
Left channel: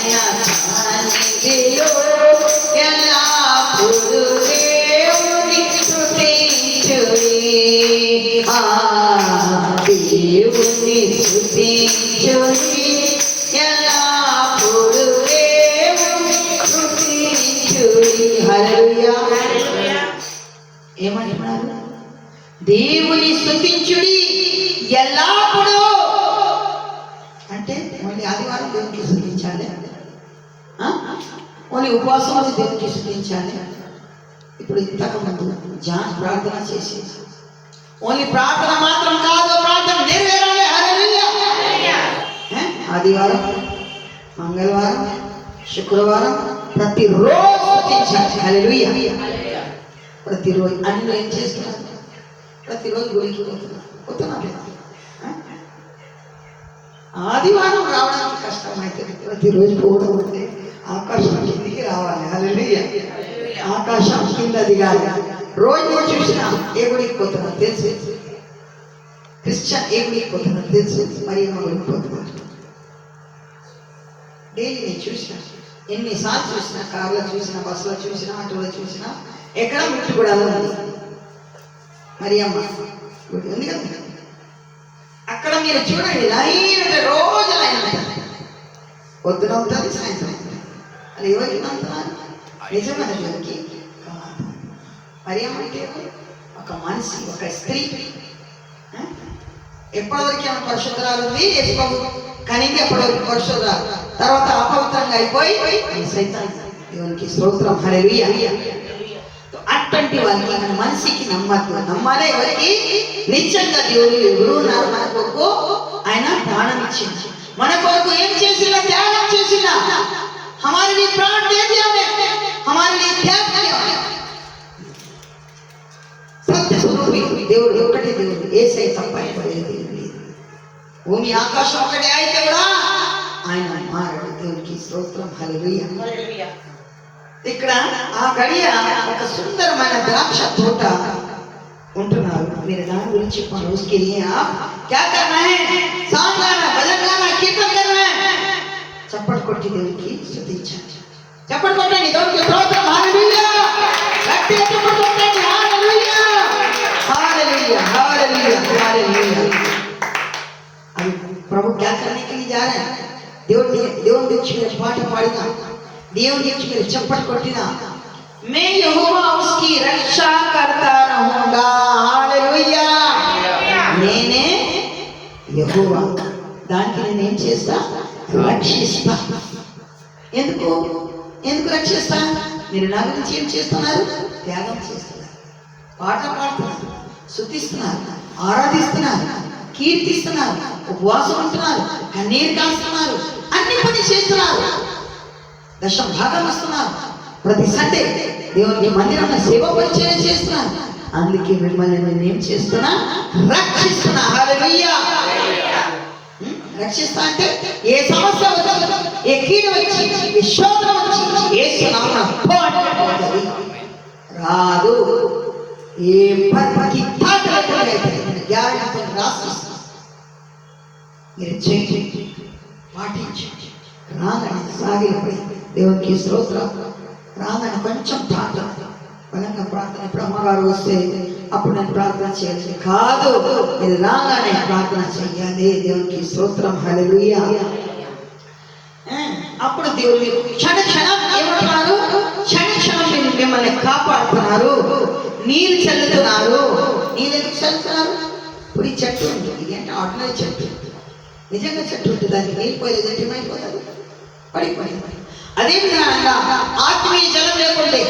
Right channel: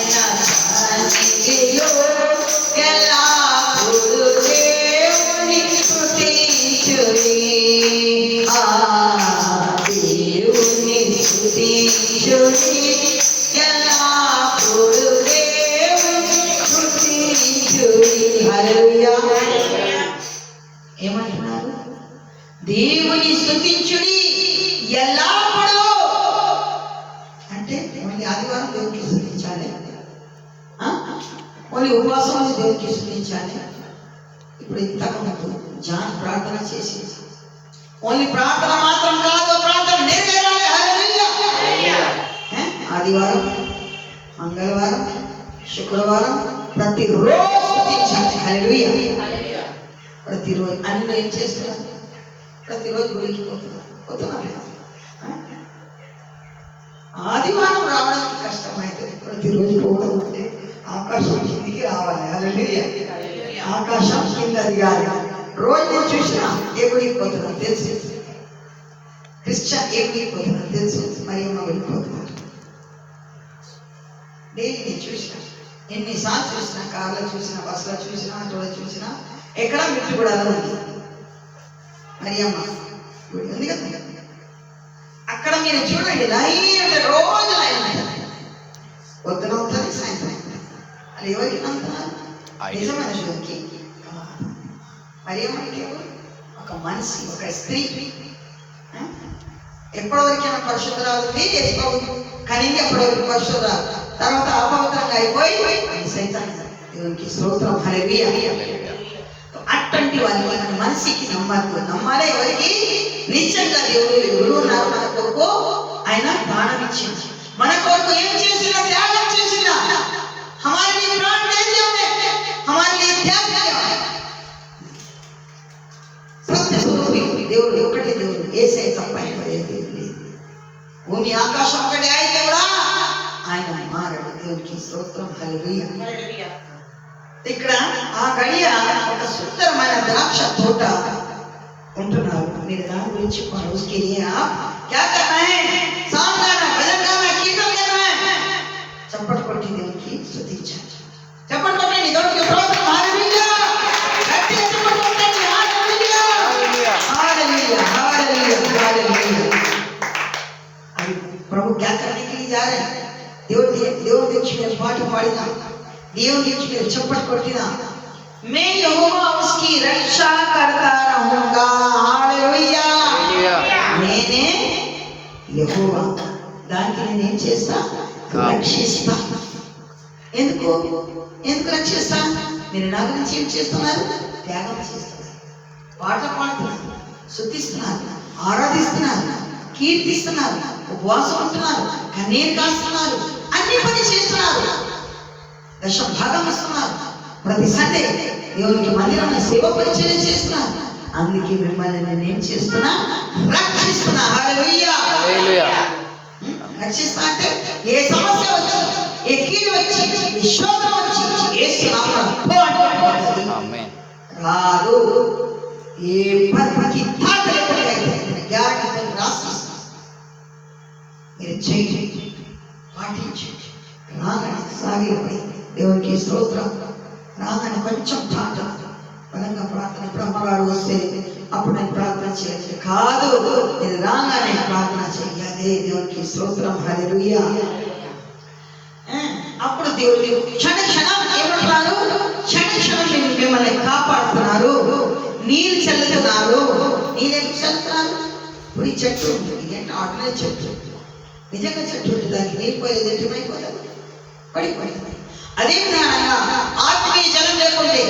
ఆయన సన్నిధిలో ఎల్లప్పుడూ దేవుని స్తుతించుడి. స్తుతించుడి ఎల్లప్పుడూ దేవుని స్తుతించుడి. హల్లెలూయా. ఏమంటున్నారు? దేవుని స్తుతించుడి ఎల్లప్పుడూ. అంటే ఓన్లీ ఆదివారం దేవునికి స్తుతించాలి, ఓన్లీ ఉపవాసం దేవునికి స్తుతించాలి. ఇప్పుడు ఇంతకుముందు జాన్ ప్రార్థన చేసి ఓన్లీ ప్రార్థన మాత్రం కాదు, ప్రార్థన నెరవేరాలి. హల్లెలూయా. ఆదివారం, మంగళవారం, శుక్రవారం ప్రతిరోజు స్తుతించాలి. హల్లెలూయా. ప్రతిరోజు అన్ని ఏం చేస్తున్నారు? ప్రతిరోజు గుడికి పోతున్నారు. ఆదివారం రావడానికి కష్టమవుతుంది, ప్రతిరోజు పోవడం అంటే ఆకాశం కిందికి రావాలి. హల్లెలూయా. ఆకాశం కింద దిగాలి. రోజు నేను చూసిన ఏ గుడికి పోతున్నా తెలుసు, క్రిస్టియన్ ఏ గుడికి పోతున్నా తెలుసు, మరియమ్మ గుడికి పోతున్నా. డైలీ నేను చూసిన, ఎన్నిసార్లు చూసిన, కార్లో చూసిన, బస్సులో చూసిన, ఆటోలో చూసిన, ఎక్కడ మిట్టు కూడా ఉంది మరియమ్మ గుడి ఉంది కదా. అక్కడ మీరు చూడండి, లైన్ అంటే రోజు లైన్ ఉంటుంది. పొద్దున ఉంటుంది, సాయంత్రం ఉంటుంది. అది ఎవరికి నమ్ముతున్నారు? నిజమైన దేవునికి కాదు. మరియమ్మ అంటే ఒక మనిషి, ఒక స్త్రీ. ఎప్పటివరకు ఏమైనా పరిశుద్ధరాలు ఉంది, యేసుప్రభు కనింది ఎప్పటివరకు పరిశుద్ధరాలు, తర్వాత అపవిత్రంగా అయిపోయి సైతాన్. దేవునికి స్తోత్రం. హల్లెలూయా. అటువంటి వారికి మన మనిషికి నమ్మద్దు. నమ్మాలే ఎవరికి? నిత్యంగా దేవుడు గురువున్నారు. మన కొరకు ఆయన ప్రాణం ఇచ్చింది, మన కొరకు ఏం చేసినా, త్యాగం చేసినా, हमारे लिए प्राण दे दिया, हमारे लिए त्याग किया. సత్య స్వరూపి దేవుడు ఒకటే దేవుడు, యేసే తప్ప దేవుడు. భూమి ఆకాశం ఒకటే అయితే కూడా ఆయన మారడు. దేవునికి స్తోత్రం. హల్లెలూయా. ఇక్కడ ఆ గడియ ఒక సుందరమైన ద్రాక్ష తోట ఉంటున్నారు. మీరు దాని గురించి उसके लिए आप क्या करना है? सांग गाना, भजन गाना, कीर्तन करना है. చప్పట్లు కొట్టి దేవునికి స్తుతించాలి. చప్పట్లు కొట్టండి, దేవునికి స్తోత్రం. హల్లెలూయా. గట్టిగా చప్పట్లు కొట్టండి. హల్లెలూయా. హల్లెలూయా. హల్లెలూయా. హల్లెలూయా. अभी प्रभु क्या करने के लिए जा रहे हैं? దేవుని గురించి మీరు పాట పాడినా, దేవుని గురించి మీరు చప్పట్లు కొట్టినా, मैं यहोवा उसकी रक्षा करता रहूंगा. హల్లెలూయా. నేనే యెహోవా, దానికి నేను ఏం చేస్తా? రక్షిస్తా. ఎందుకు రక్షిస్తా? మీరు నా గురించి ఏం చేస్తున్నారు? త్యాగం చేస్తున్నారు, పాటలు పాడుతున్నారు, స్తుతిస్తున్నారు, ఆరాధిస్తున్నారు, కీర్తిస్తున్నారు, ఉపవాసం ఉంటున్నారు, కన్నీరు కాస్తున్నారు, అన్ని పని చేస్తున్నారు, దశమ భాగం ఇస్తున్నారు, ప్రతి సండే దేవునికి మందిరంలో సేవ పరిచయం చేస్తున్నారు. అందుకే మిమ్మల్ని నేను ఏం చేస్తున్నా? రక్షిస్తున్నా. హల్లెలూయా. రక్షిస్తా అంటే ఏ సమస్య వచ్చి, ఏ కీడు వచ్చి, ఏ శోధన వచ్చి, యేసు నామములో రాదు. ఏ పర్పకి తాకలేకపోతే గ్యారెంటీ రాసిస్తా. మీరు చేయండి, పాటించండి. రాగని సాగిపోయి దేవునికి స్తోత్రం. రాగని కొంచెం ప్రార్థన, బలంగా ప్రార్థన. ఇప్పుడు అమ్మగారు వస్తే అప్పుడు నేను ప్రార్థన చేయాలి కాదు, మీరు రాగానే ప్రార్థన చెయ్యాలి. దేవునికి స్తోత్రం. హల్లెలూయా. అప్పుడు దేవుడు క్షణ క్షణం ఏమంటున్నారు? క్షణ క్షణం మిమ్మల్ని కాపాడుతున్నారు, నీళ్ళు చల్లుతున్నారు. నీళ్ళు ఎందుకు చల్లుతున్నారు? ఇప్పుడు ఈ చెట్టు ఉంది, ఇదేంటే ఆర్డినరీ చెట్టు, నిజంగా చెట్టు ఉంటుంది, దానికి నీళ్ళు పోయేది ఏమైపోతుంది? పడిపోయింది. అదే విధంగా ఆత్మీయ జలం లేకుంటే,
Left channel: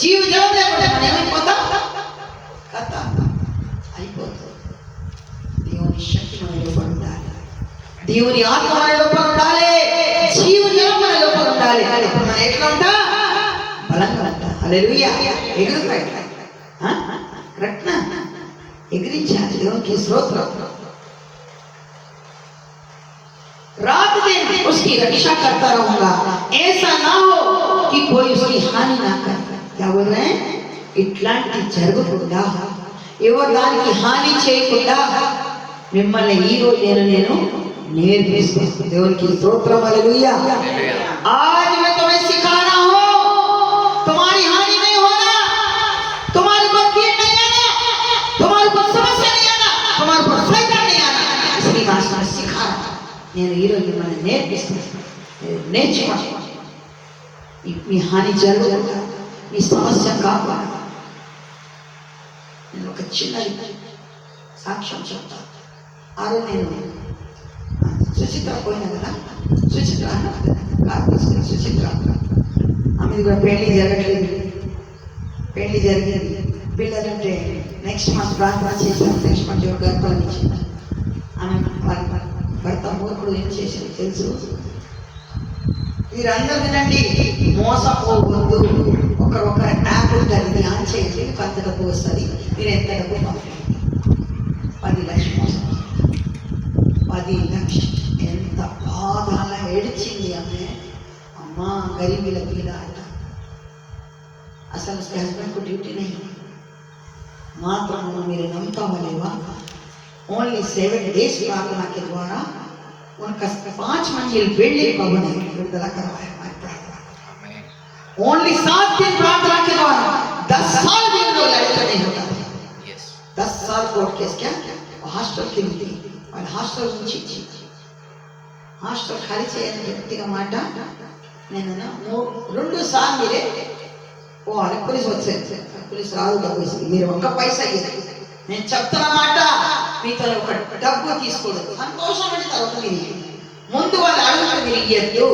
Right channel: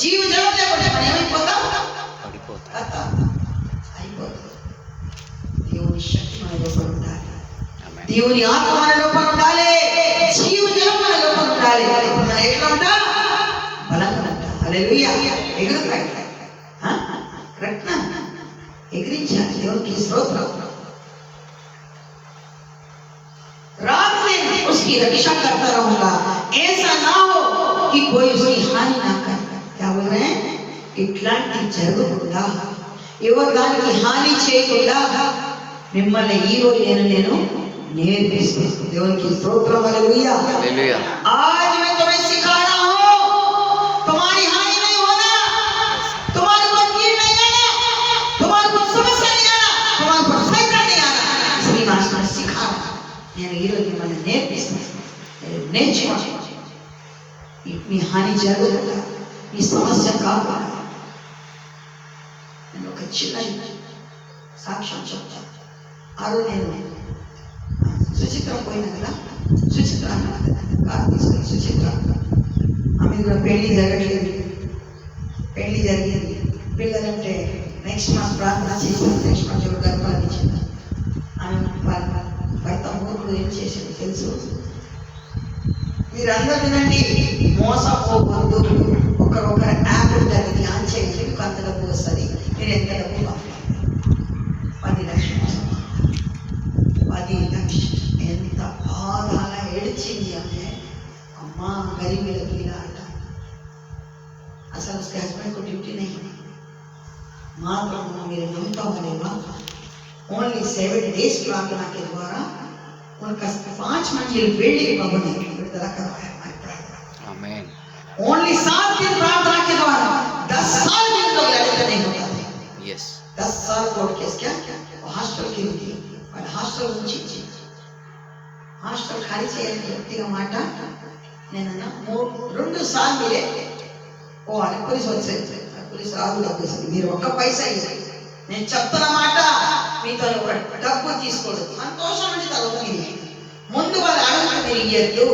జీవ జలం లేకుంటే మనం ఏమైపోతాం? అయిపోతుంది. దేవుని శక్తి మన లోపల ఉండాలి, దేవుని ఆత్మ మన లోపల ఉండాలి, జీవ జలం మన లోపల ఉండాలి. ఇప్పుడు మనం ఎట్లా ఉంటా? బలంగా ఉంటా. హల్లెలూయా. ఎగురుతాయి, రత్న ఎగిరించాలి. దేవునికి స్తోత్రం. रात दिन उसकी रक्षा करता रहूंगा, ऐसा ना हो कि कोई उसकी हानि ना करे. क्या बोल रहे हैं? ఇట్లాంటి జరగకుండా, ఎవరు దానికి హాని చేయకుండా మిమ్మల్ని ఈ రోజు నేను నేర్పిస్తాను. దేవునికి స్తోత్రం. హల్లెలూయా. आज मैं तुम्हें सिखा रहा हूं, तुम्हारी हानि नहीं होना, तुम्हारे ऊपर कीड़ नहीं आना, तुम्हारे ऊपर समस्या नहीं आना, तुम्हारे ऊपर संकट नहीं आना. इसलिए मैं सिखा रहा हूं. నేను ఈరోజు మిమ్మల్ని నేర్పిస్తాను. నేర్చుకోండి. మీ హాని జరగకుండా, ఈ సమస్య కాకుండా. నేను ఒక చిన్న సాక్ష్యం చెప్తాను. ఆ రోజు నేను సుచిత్ర పోయినా కదా, సుచిత్ర సుచిత్ర ఆమెది కూడా పెళ్లి జరగట్లేదు. పెళ్లి జరిగింది. పిల్లలంటే నెక్స్ట్ మంత్ ప్రార్థన చేశాను. నెక్స్ట్ మంత్ గర్భాన్ని ఇచ్చింది. ఆమె వాళ్ళ భర్త మూర్ఖుడు ఏం చేసింది తెలుసు? మీరందరూ వినండి, మోసపోవద్దు. ఒకరొకరు యాప్ ఉంటుంది, ఆన్ చేయండి, మీకు అంత డబ్బు వస్తుంది, మీరు ఎంత డబ్బు పంపండి. 10 లక్షలు మోసం. 10 లక్షలు. ఎంత బాధ! అలా ఏడ్చింది ఆమె. అమ్మా గరీబీల పీల అంట. అసలు उसके हस्बैंड को ड्यूटी नहीं है. मात्र मेरे नमता वालेवा ओनली 7 days प्रार्थना के द्वारा उनका 5 मंजिल बिल्डिंग भवन विడుదల करवाया. ओनली 7 दिन प्रार्थना के द्वारा 10 साल भी उन लोग लड़े नहीं होता था. 10 साल कोर्ट केस क्या హాస్టల్ కి ఉంది. వాళ్ళ హాస్టల్ నుంచి హాస్టల్ ఖాళీ చేయాలని గట్టిగా మాట నేను 2 సార్లు మీరే పోవాలి. పోలీసు వచ్చేది, పోలీసు రాదు, డబ్బు ఇస్తుంది, మీరు ఒక్క పైసా ఇవ్వాలి. నేను చెప్తున్నమాట, మీతో ఒక డబ్బు తీసుకోదు. సంతోషం అంటే తర్వాత మీరు ముందు వాళ్ళు అడుగుతూ మీరు ఇయ్యద్దు.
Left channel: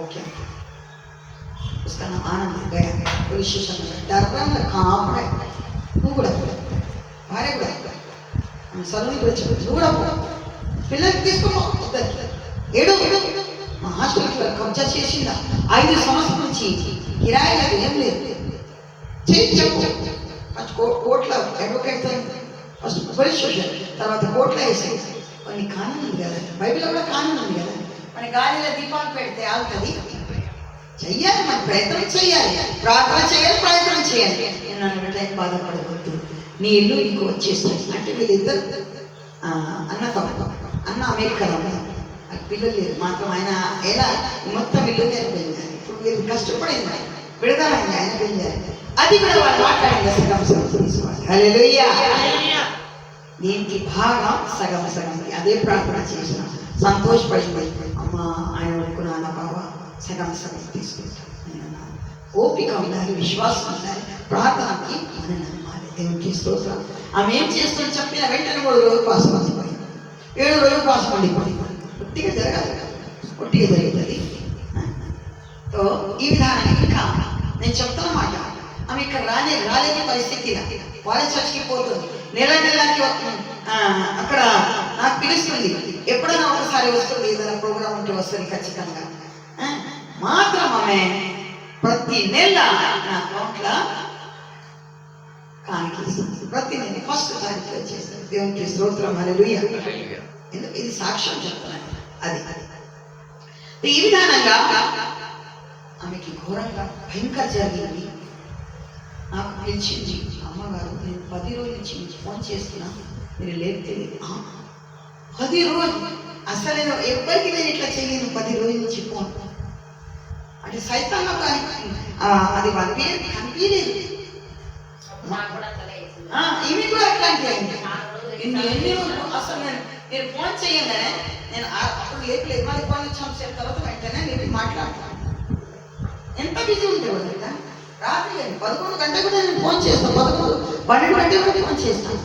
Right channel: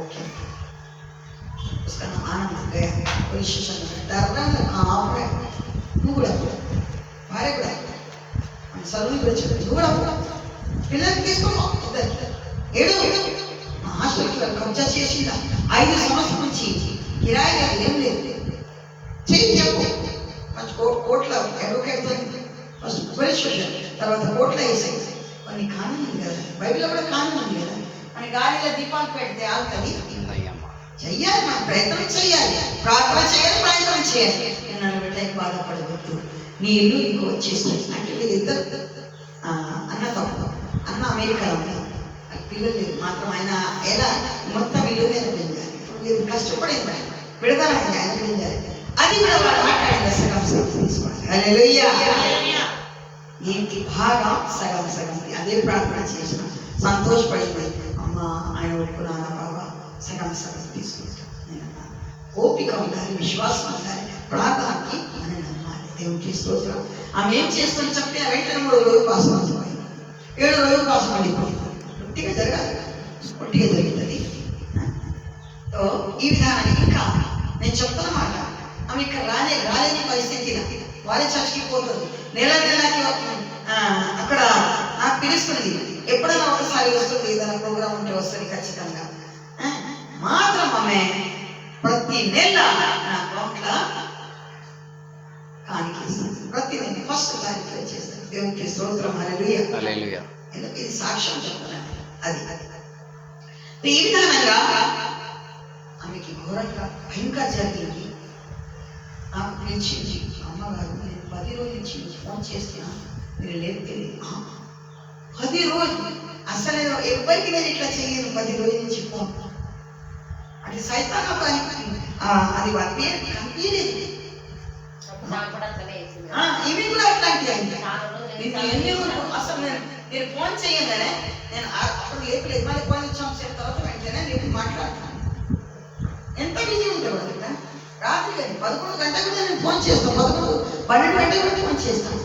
ఓకే, उसका नाम आनंद गया पुलिस स्टेशन में. डर रहा है, कहाँ पर है? तू కూడా భార్య కూడా సలూని కూడా చెప్పు, నువ్వు కూడా పిల్లలకి తీసుకున్నావు. ఏడు మా హాస్టల్కి కబ్జా చేసిందా 5 సంవత్సరాల నుంచి, కిరాయి లేదు, ఏం లేదు. చేయి చెప్పు. ఫస్ట్ కోర్టులో అడ్వకేట్తో ఫస్ట్ పోలీస్ స్టేషన్, తర్వాత కోర్టులో వేసేది. కొన్ని కానూన్ ఉంది కదా, బైబిల్లో కూడా కానూన్ ఉంది కదా. మన గాలిలో దీపాలు పెడితే ఆగుతుంది. చెయ్యాలి, మనం ప్రయత్నం చేయాలి, ప్రార్థన చేయాలి, ప్రయత్నం చేయాలి. నేను అన్నట్టు బాధపడవద్దు, నీ ఇల్లు నీకు వచ్చేస్తుంది. అంటే వీళ్ళిద్దరు అన్న తప్ప, అన్న అమెరికాలో ఉన్నారు, పిల్లలు లేదు. మాత్రం ఆయన ఎలా మొత్తం ఇల్లు పోయింది. ఇప్పుడు మీరు కష్టపడింది, విడుదలైంది, ఆయన పోయింది. అది కూడా వాళ్ళు మాట్లాడింది సగం సగం తీసుకోవాలి. హల్లెలూయా. దీనికి భాగం సగం సగం. అదే ప్రార్థన చేసిన, సంతోషపడింది. అమ్మ ఆయన ఒప్పుకున్నాను బాబా, సగం సగం తీసుకుంటాను. ఓపిక ఉండాలి, విశ్వాసం ఉండాలి, ప్రార్థనకి మనం నమ్మాలి. దేవునికి స్తోత్రం. ఆమె ఏం చేస్తుందని చెప్పిన వెంటనే 3 రోజులు పాసం అయిపోయింది, 7 రోజులు పాసం పడిపోయింది. ఒట్టిగా జరగాలి, ఒట్టిగా జరుగుతుంది. ఈ విధానం ఇంకా నేను చెప్తానమాట. ఆమె ఇక్కడ రాలేని పరిస్థితి, వాళ్ళే చర్చికి పోతుంది. నెలకి అక్కడ నాకు పిలుస్తుంది, ఎప్పుడైనా ఒకసారి వస్తుంది, ఏదైనా ప్రోగ్రామ్ ఉంటే వస్తుంది ఖచ్చితంగా. మాత్రం ఆమె ప్రతి నెల నా అకౌంట్లో కానికి ప్రతి నెల ఫస్ట్ తారీఖు వచ్చేస్తుంది. దేవునికి స్తోత్రం. హల్లెలూయా. ఎందుకు ఇది సాక్ష్యం చెప్తున్నాను. అది ఈ విధానంగా ఆమెకి ఘోరంగా భయంకర జరిగింది. నాకు పిలిచింది, అమ్మగారు నేను 10 రోజుల నుంచి ఫోన్ చేస్తున్నా, మీరు లేపుతుంది. 10 రోజులు అసలు ఎవ్వరికి నేను ఇట్లా చేయను. 10 రోజుల నుంచి ఫోన్ అంటే సైతాన్ని అది వాళ్ళ పేరు కనిపించలేదు. ఇవి కూడా అట్లాంటి అసలు నేను ఫోన్ చేయంగానే నేను అప్పుడు లేపలేదు. మళ్ళీ ఫోన్ వచ్చాం తర్వాత వెంటనే లేపి మాట్లాడుతున్నాను. ఎంత బిజీ ఉండేవాడు కదా. రాత్రి 11 గంటలకు కూడా నేను ఫోన్ చేస్తాను, 11, 12 గంటలకు కూడా ఫోన్ చేస్తాను.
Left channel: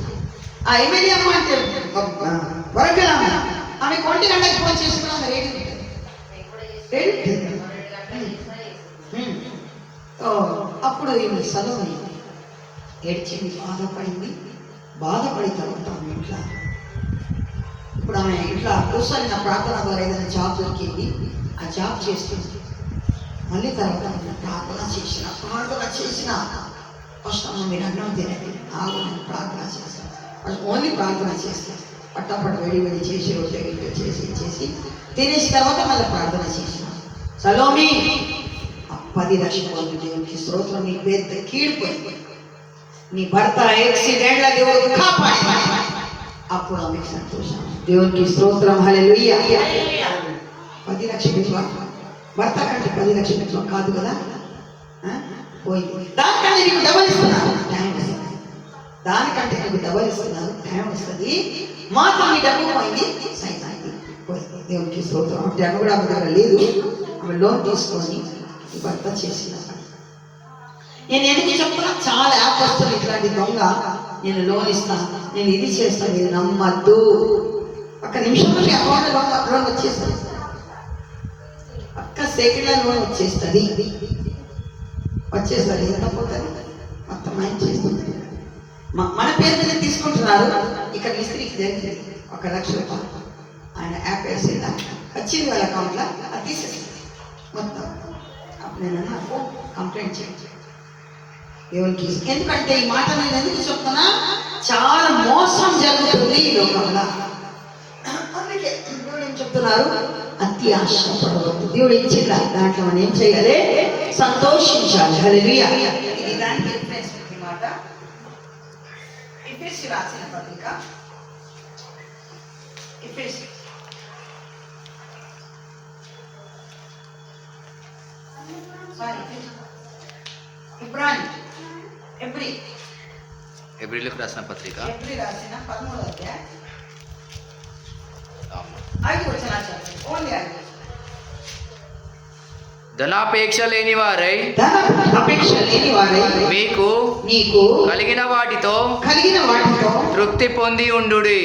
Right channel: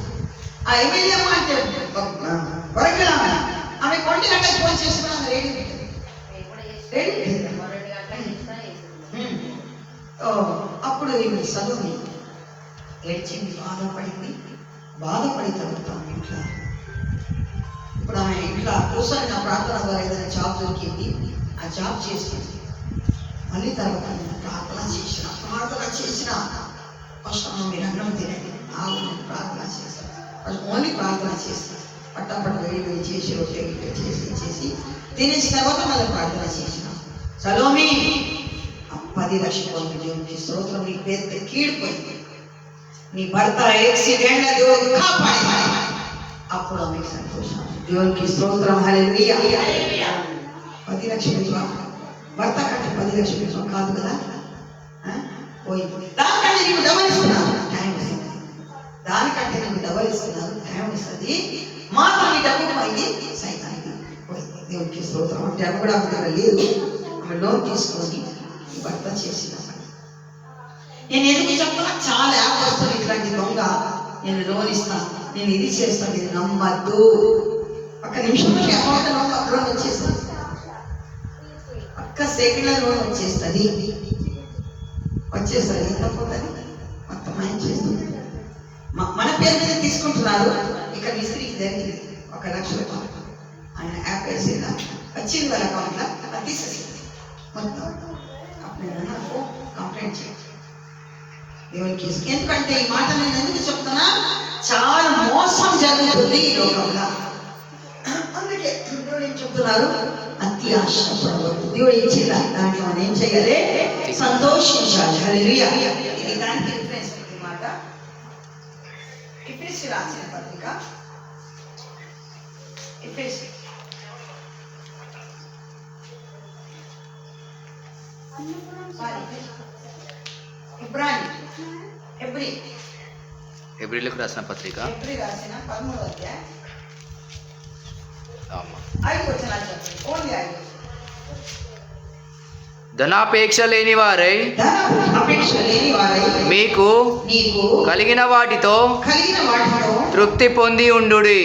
ఆ ఎమ్మెల్యే అమ్మ అంటే వరకల్ ఆమె 1 గంటలకు ఫోన్ చేసుకున్నాను. రేడియో అప్పుడు ఈమె సలూని ఏడ్చింది, బాధపడి తర్వాత ఆమె ఇంట్లో ఇప్పుడు ఆమె ఇంట్లో కూర్చొని నా ప్రార్థన ద్వారా ఏదైనా జాబ్ దొరికింది, ఆ జాబ్ చేస్తుంది. మళ్ళీ తర్వాత నేను ప్రార్థన చేసిన ఫస్ట్ అమ్మ మీరు అన్నం తినండి, నేను ప్రార్థన చేస్తాను. ఫస్ట్ ఓన్లీ ప్రార్థన చేస్తాను. పట్టపట్టు వేడి చేసి రొట్టె చేసి తినేసిన తర్వాత మళ్ళీ ప్రార్థన చేసిన. సలోమి 10 లక్షలు దేవునికి స్తోత్రం. నీ పెద్ద కీడిపోయింది, నీ భర్త యాక్సిడెంట్ల దేవుడు కాపాడి. అప్పుడు ఆమె సంతోషం. దేవునికి స్తోత్రం. హల్లెలూయా. 10 లక్షలు భర్త కంటే 10 లక్షలు కాదు కదా, పోయింది. దానికంటే నీకు డబల్ ఇస్తున్నారు, టైం వస్తుంది. దానికంటే నీకు డబల్ ఇస్తున్నారు, టైం వస్తుంది. మాత్రం నీ డబ్బు పోయింది, సైతానికి పోయింది. దేవునికి స్తోత్రం. అంటే ఆమె కూడా ఆమె దగ్గర లేదు, ఆమె లోన్ తీసుకొని భర్త చేసిన. నేను ఎందుకు చెప్తున్నా, చాలా యాప్ వస్తుంది ఇట్లాంటి దొంగ, నేను లోన్ ఇస్తాను, నేను ఇది చేస్తాను, నేను నమ్మద్దు. ఒక నిమిషంలో మీ అకౌంట్ లోన్ వచ్చేస్తుంది, ఒక్క సెకండ్లో లోన్ వచ్చేస్తుంది. ఎంత పోతుంది మొత్తం ఆయన చేస్తుంది. మన పేరు మీద తీసుకుంటున్నారు. ఇక్కడ మిస్త్రికి జరిగింది 1 లక్ష రూపాయలు, ఆయన యాప్ వేసేదా వచ్చింది వాళ్ళ అకౌంట్లో, అది తీసేసింది మొత్తం. అప్పుడు నేను నాకు కంప్లైంట్ చేయండి దేవునికి. ఎందుకంటే ఈ మాట నేను ఎందుకు చెప్తున్నా, చాలా మోసం జరుగుతుంది ఈ లోకంలో. అందుకే దేవుడు ఏం చెప్తున్నారు, అతి ఆశపడవద్దు. దేవుడు ఇచ్చిన దాంట్లో మనం ఏం చేయాలి, సంతోషించాలి. హల్లెలూయా. ఇది దానికి రిఫరెన్స్ మాట. ఎఫెసీ రాసిన పత్రిక, ఎఫెసీ ఎబ్రిలకు రాసిన పత్రిక, ఎబ్రి రాసిన 13వ అధ్యాయం 5 వచనాలు చెప్పండి. ఓన్లీ 5. ధనాపేక్ష లేని వారై మీకు కలిగిన వాటితో తృప్తి పొంది ఉండుడి.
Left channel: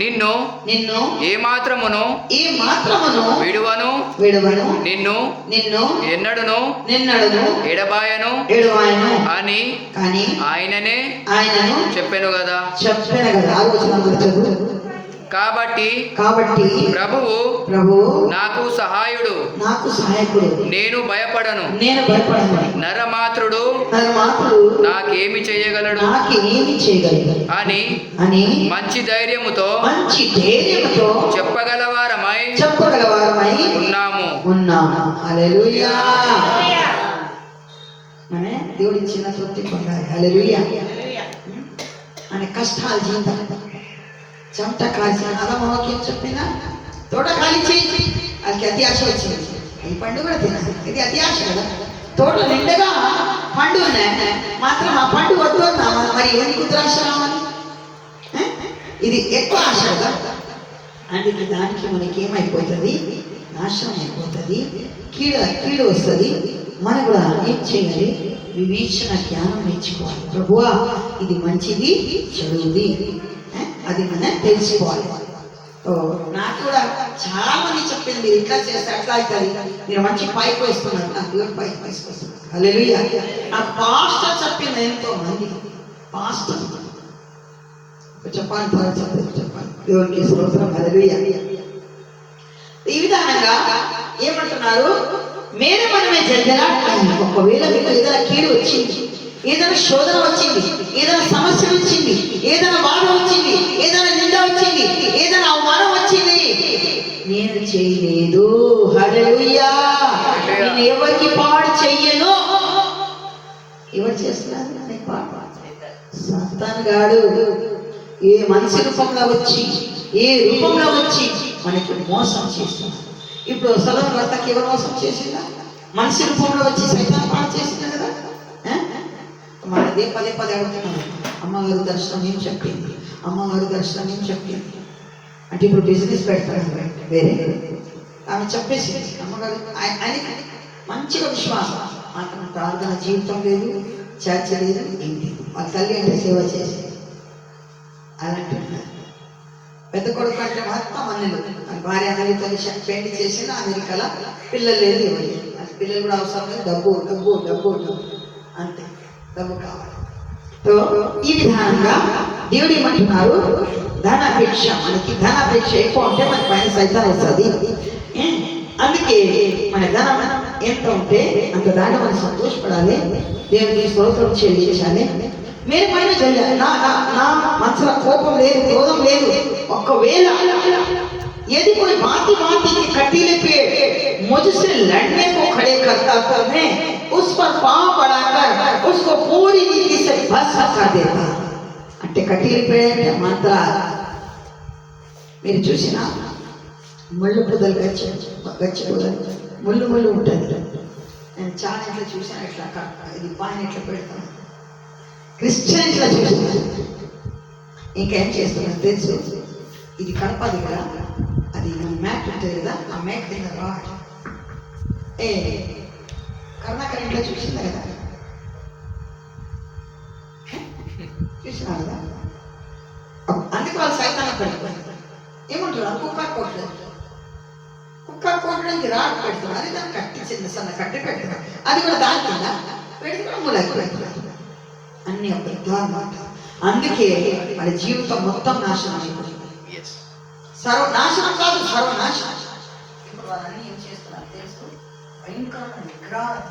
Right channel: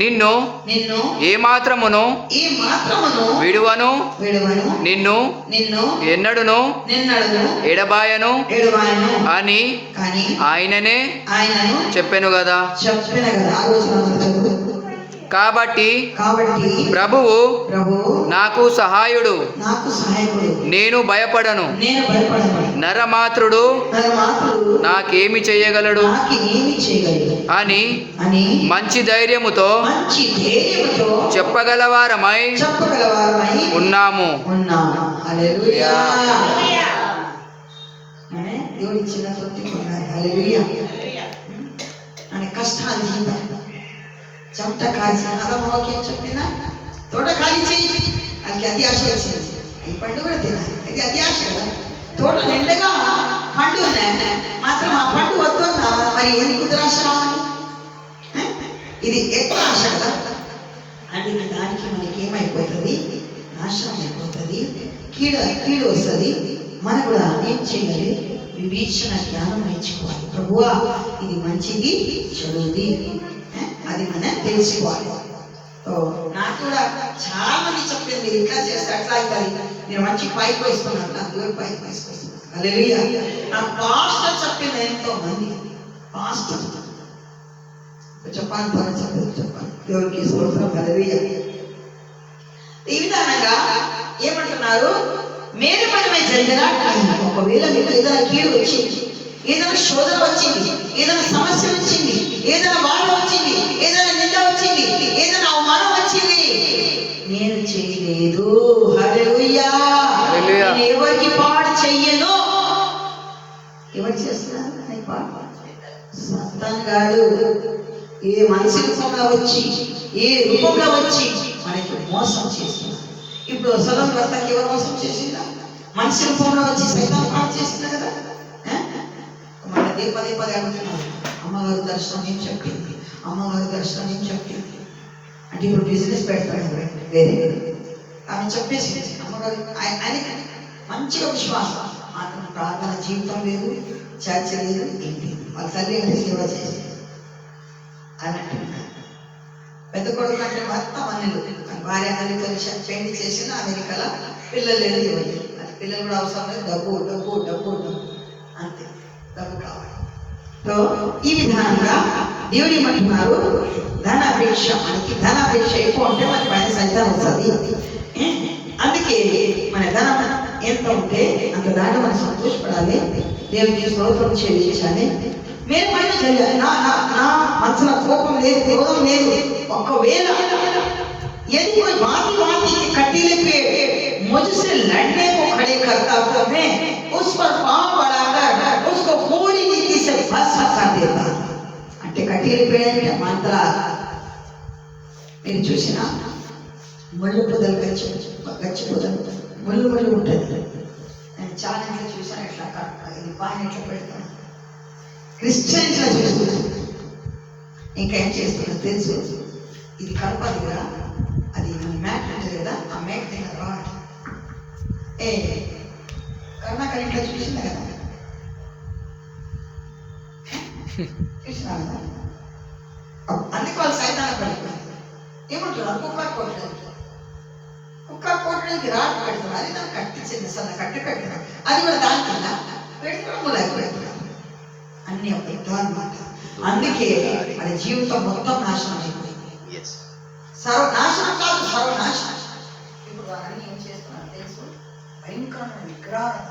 నిన్ను ఏ మాత్రమును విడువను, నిన్ను ఎన్నడును ఎడబాయను అని ఆయననే చెప్పెను కదా. కాబట్టి ప్రభువు నాకు సహాయుడు, నేను భయపడను. నరమాత్రుడు నాకేమి చేయగలడు అని మంచి ధైర్యముతో చెప్పగలవారమై ఉన్నాము. హల్లెలూయా. దేవుడి చిన్న తృప్తి పొందాలి. హల్లెలూయా. అనే కష్టాలు జీవితం చెమట కాల్చిన వాక్యం చెప్పినా తోట ఖాళీ చేయి, అది అతి ఆశ వచ్చింది. ఈ పండు కూడా తినాలి, ఇది అతి ఆశ కదా. తోట నిండుగా పండు ఉన్నాయి, మాత్రం ఆ పండు వద్దు మరి ఎందుకు దురాశ రావాలి? ఇది ఎక్కువ ఆశ కదా. అందుకే దానికి మనకి ఏమైపోతుంది, నాశనం అయిపోతుంది, కీడు వస్తుంది. మనం కూడా ఏం చేయాలి, వివేచన జ్ఞానం నేర్చుకోవాలి. ప్రభువా ఇది మంచిది, చెడుది, అది మనం తెలుసుకోవాలి. నాకు కూడా చాలా మంది చెప్పింది, మీరు ఇట్లా చేస్తే అట్లా అవుతుంది, మీరు మంచి పైకి వేసుకున్నారు, నాకు కూడా పైకి వేసుకొస్తున్నారు. హల్లెలూయా. నాకు పాస్టర్ చెప్పింది, ఎంతో మంది పాస్టర్ చెప్పాలి, దేవునికి స్తోత్రం. హల్లెలూయా. ఈ విధానంగా ఏమంటున్నారు, మేలు మనమే జరిగిన ఒకవేళ మీకు ఏదైనా కీడు వచ్చింది, ఏదైనా శోధన వచ్చింది, ఏదైనా సమస్య వచ్చింది, ఏదైనా బాధ వచ్చింది, ఏదైనా నింద వచ్చింది, ఏదైనా అవమానం వచ్చింది, నేను చేయలేదు. హల్లెలూయా. నేను ఎవరికి పాడు చెయ్యను. ఎవరు చేస్తున్నారు? సాతాను గాడు ఏ మనిషి రూపంలో వచ్చి, ఏ రూపంలో వచ్చి మనకి మోసం చేస్తున్నారు. ఇప్పుడు సొలొమోను భర్తకి ఎవరు మోసం చేసిందా? మనిషి రూపంలో వచ్చి సైతాను పాడు చేసింది కదా. మనదే పదే అడుగుతున్నాను, అమ్మగారు దర్శనం ఏం చెప్పింది, అమ్మగారు దర్శనం ఏం చెప్పింది అంటే ఇప్పుడు బిజినెస్ పెడతాడు వేరే. ఆమె చెప్పేసి అమ్మగారు ఆయనకి మంచిగా విశ్వాసం, అతను ప్రార్థన జీవితం లేదు, చర్చ లేదు, ఏం లేదు. వాళ్ళ తల్లి అంటే సేవ చేసేది. అలాంటి పెద్ద కొడుకు అంటే మొత్తం అన్నలు, భార్య అన్నలతో పెళ్లి చేసిన అమెరికాలో పిల్లలు లేదు, ఇవ్వలేదు. అది పిల్లలు కూడా అవసరం లేదు, డబ్బు డబ్బు డబ్బు డబ్బు అంతే, డబ్బు కావాలి. సో ఈ విధానంగా దేవుడు ఏమంటున్నారు, ధనాపేక్ష. మనకి ధనాపేక్ష ఎక్కువ ఉంటే మనకి పైన సైతం వస్తుంది. అందుకే మన ధనం ఎంత ఉంటే అంత దాన్ని మనం సంతోషపడాలి, దేవుడికి స్తోత్రం చెల్లించాలి. మీరు పైన చేయాలి. నా మనసులో కోపం లేదు, క్రోధం లేదు. ఒకవేళ यदि कोई बाती बाती के कटीले पे मुझसे लड़ने को खड़े करता तो मैं उस पर पांव बढ़ाकर उसको पूरी रीति से भस्म कर देता. అంటే కటీలు పేరంటే మంత్ర మీరు చూసినా ముళ్ళు పొదలు గచ్చి పొదలు ముళ్ళు ఉంటుంది. నేను చాలా ఇట్లా చూసాను, ఇట్లా ఇది పాన్ ఇట్లా పెడతాను. క్రిస్టియన్ ఇట్లా చూస్తున్నాను. ఇంకా ఏం చేస్తున్నా తెలుసు, ఇది కడప దగ్గర అది మ్యాట్ ఉంటుంది కదా, ఆ మ్యాట్ దగ్గర రాడ్ కర్ణాకర్ ఇంట్లో చూసిందా కదా, చూసినా కదా. అందుకే వాళ్ళు సైతాన్ని పడిపోయింది. ఏమంటారు, కుక్కర్ కొట్టడానికి రాడ్ పెడతారు, అది దాన్ని కట్టించింది, సన్న కట్టి పెడతారు, అది కూడా దాని కింద పెడితే కూడా మూలకి పెడతారు. అన్ని అబద్ధాలు. అందుకే వాళ్ళ జీవితం మొత్తం నాశనం అయిపోయింది. సర్వనాశనం కాదు, సర్వనాశనం. ఇప్పుడు వాళ్ళన్నీ ఏం చేస్తున్నారు తెలుసు, భయంకరమైన విగ్రహాలు.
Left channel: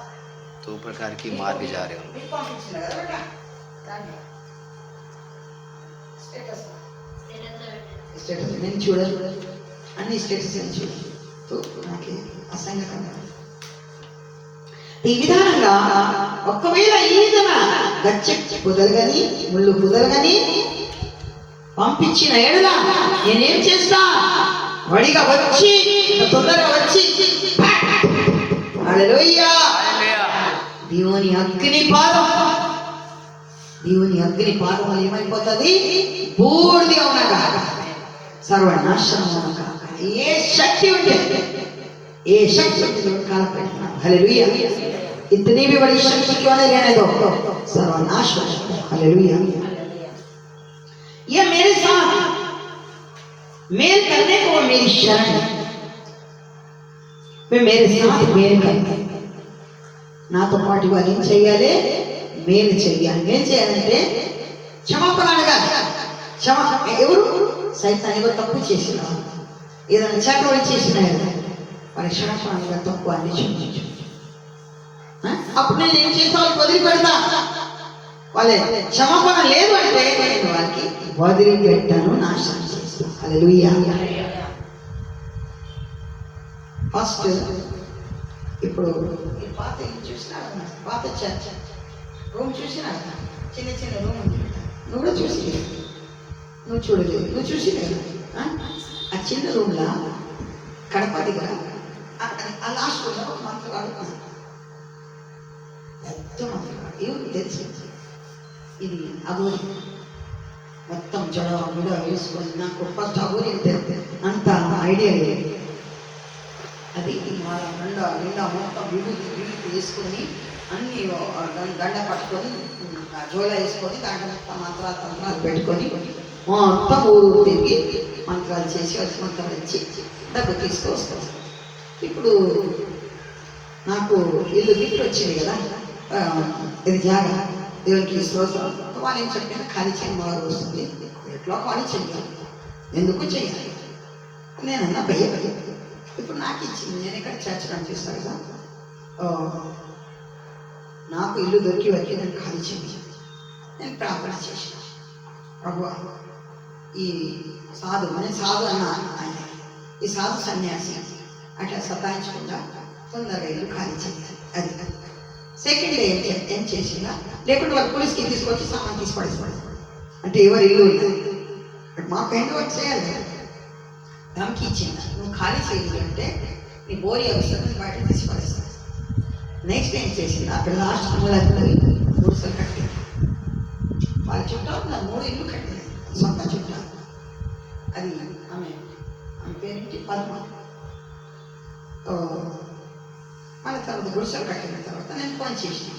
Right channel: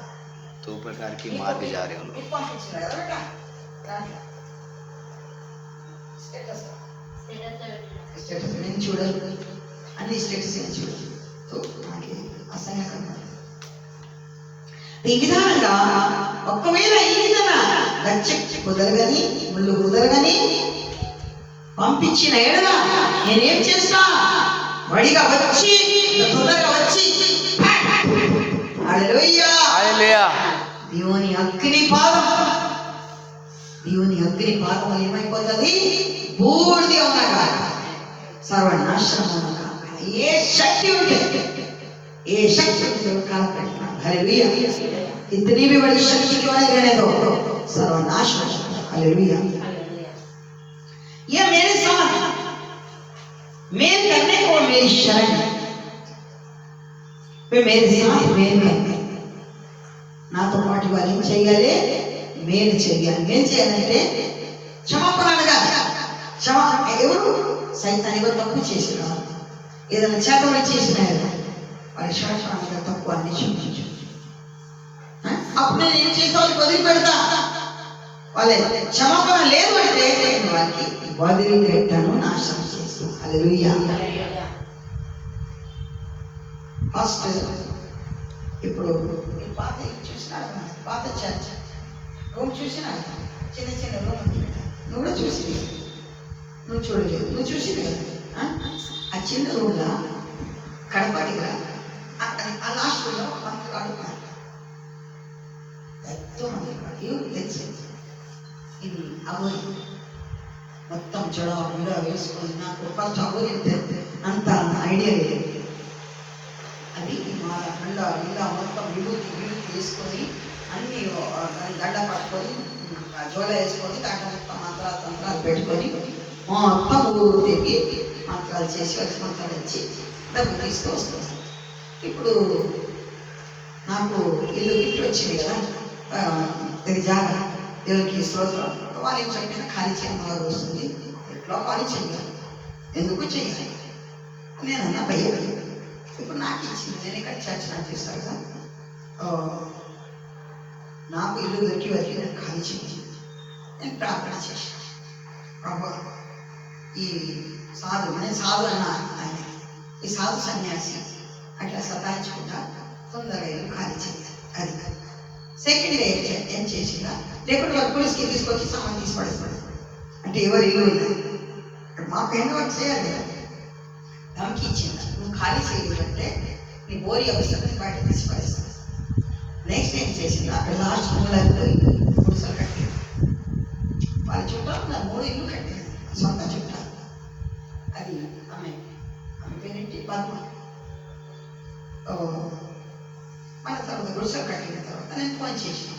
तो प्रकार की मार्ग जा रहे हैं పంపించిన కదా బేటా, స్టేటస్ నేను చూడాలి, అన్ని స్టేటస్ నేను చూడాలి. నాకు అసహ్యంగా ఈ విధానంగా ఒకవేళ ఈ విధంగా గచ్చ కుదరగని ముళ్ళు కుదరగని పంపించిన ఎడల నేనేం చేస్తా, వడిగా వచ్చి తొందరగా వచ్చి హల్లెలూయా దేవుని అగ్ని పాదం వల్ల ఏమైపోతుంది, బూడిద ఉండగా సర్వనాశనం ఉండగా ఏ శక్తి ఉంటుంది కాలపెడుతున్నాడు. హల్లెలూయా. इतनी भी बड़ी शक्ति क्यों नहीं रहने दो, सर्वनाश हो जाता है। हालेलुया। यह मेरे साथ मेल करने को मेरी शरण है, वे मेरे साथ मेल करते हैं. నాతో పాటు వారు ఏం చేయాలి, మేలు చేయాలి. ఏం చేయాలంటే క్షమాపణ అడగాలి. ఎవరు సైతాన్ని కూడా తప్పు చేసిన ఏదైనా చేతబడి చేసిన వారి క్షమాపణ తప్పు అన్ని క్షమించు. అప్పుడు నేను ఏం చేస్తా, వాళ్ళకి వదిలిపెడతా. వాళ్ళే క్షమాపణ లేదు అంటే నేను వారికి వదిలిపెట్టాను, నాశనం చేస్తాను. హల్లెలూయా. ఫస్ట్ ఇప్పుడు పాత చూసినా, పాత చర్చ్ రూమ్ చూసినా, చిన్న చిన్న రూమ్ ఉంది, నువ్వు కూడా చూసి, నువ్వు చూడలేదు, నువ్వు చూసి కదా ఆ చిన్న రూమ్లో కడప దగ్గర ఆ లాస్ట్ రూమ్లో మంత్రులు ఆడుకున్నాను. ఎవరు తెలుసు, ఇది అగోరి మొత్తం జడ బిడ వేసుకొని, నాకు ఫస్ట్ అగోరి అంత ఐడియా లేదు. అది మా నిండా మొత్తం విభూతి వేసుకొని అన్ని గడ్డ పట్టుకొని జోల వేసుకొని దాంట్లో మొత్తం తంత్రాలు పెట్టుకొని మొత్తం ఊరు తిరిగి మంత్రాలు చేసి వచ్చి మంత్రాలు ఇచ్చి డబ్బు తీసుకొస్తాం. ఇప్పుడు నాకు ఇల్లు గిఫ్ట్ వచ్చింది కదా, ఇది జాగా దేవునికి స్తోత్రం. వాళ్ళు ఏం చెప్పినా ఖాళీ చేయమని వస్తుంది, ఎట్లా ఖాళీ చేయాలి, ఎందుకు చేయాలి నేనన్నా భయం. ఇప్పుడు నాకు ఇచ్చింది, నేను ఇక్కడ చర్చ్ కనిపిస్తాను కదా, నాకు ఇల్లు దొరికి వరకు నేను ఖాళీ చేయాలి. నేను ప్రార్థన చేసిన, ప్రభువా ఈ సాధు, నేను సాధు అన్నా ఆయన, ఈ సాధు సన్యాసి అట్లా సతాయించకుండా తొందరగా ఇల్లు ఖాళీ చేయాలి. అది సెకండ్ డే ఏం చేసినా, లేకుంటే వాళ్ళు పోలీస్కి తీసుకొచ్చి సామాన్ తీసి పడేస్తాడు. అంటే ఎవరు ఇల్లు ఇలా మాకు ఎండ వర్క్ చేయాలి కదా, ధమ్కి ఇచ్చింది, నువ్వు ఖాళీ చేయాలంటే నీ బోరి అవసరం బయట తీసి పడేస్తాను. నెక్స్ట్ ఏం చేసింది, అక్కడ లాస్ట్ మూలకు పోయి గుడిసెలు కట్టాను. వాళ్ళ చుట్టాలు ఉన్నారు, 3 ఇల్లు కట్టాను, సొంత చుట్టాలు. అది ఆమె పేరేంటి, పద్మ. మళ్ళీ తర్వాత గుడిసెలు కట్టిన తర్వాత నేను ఫోన్ చేసిన,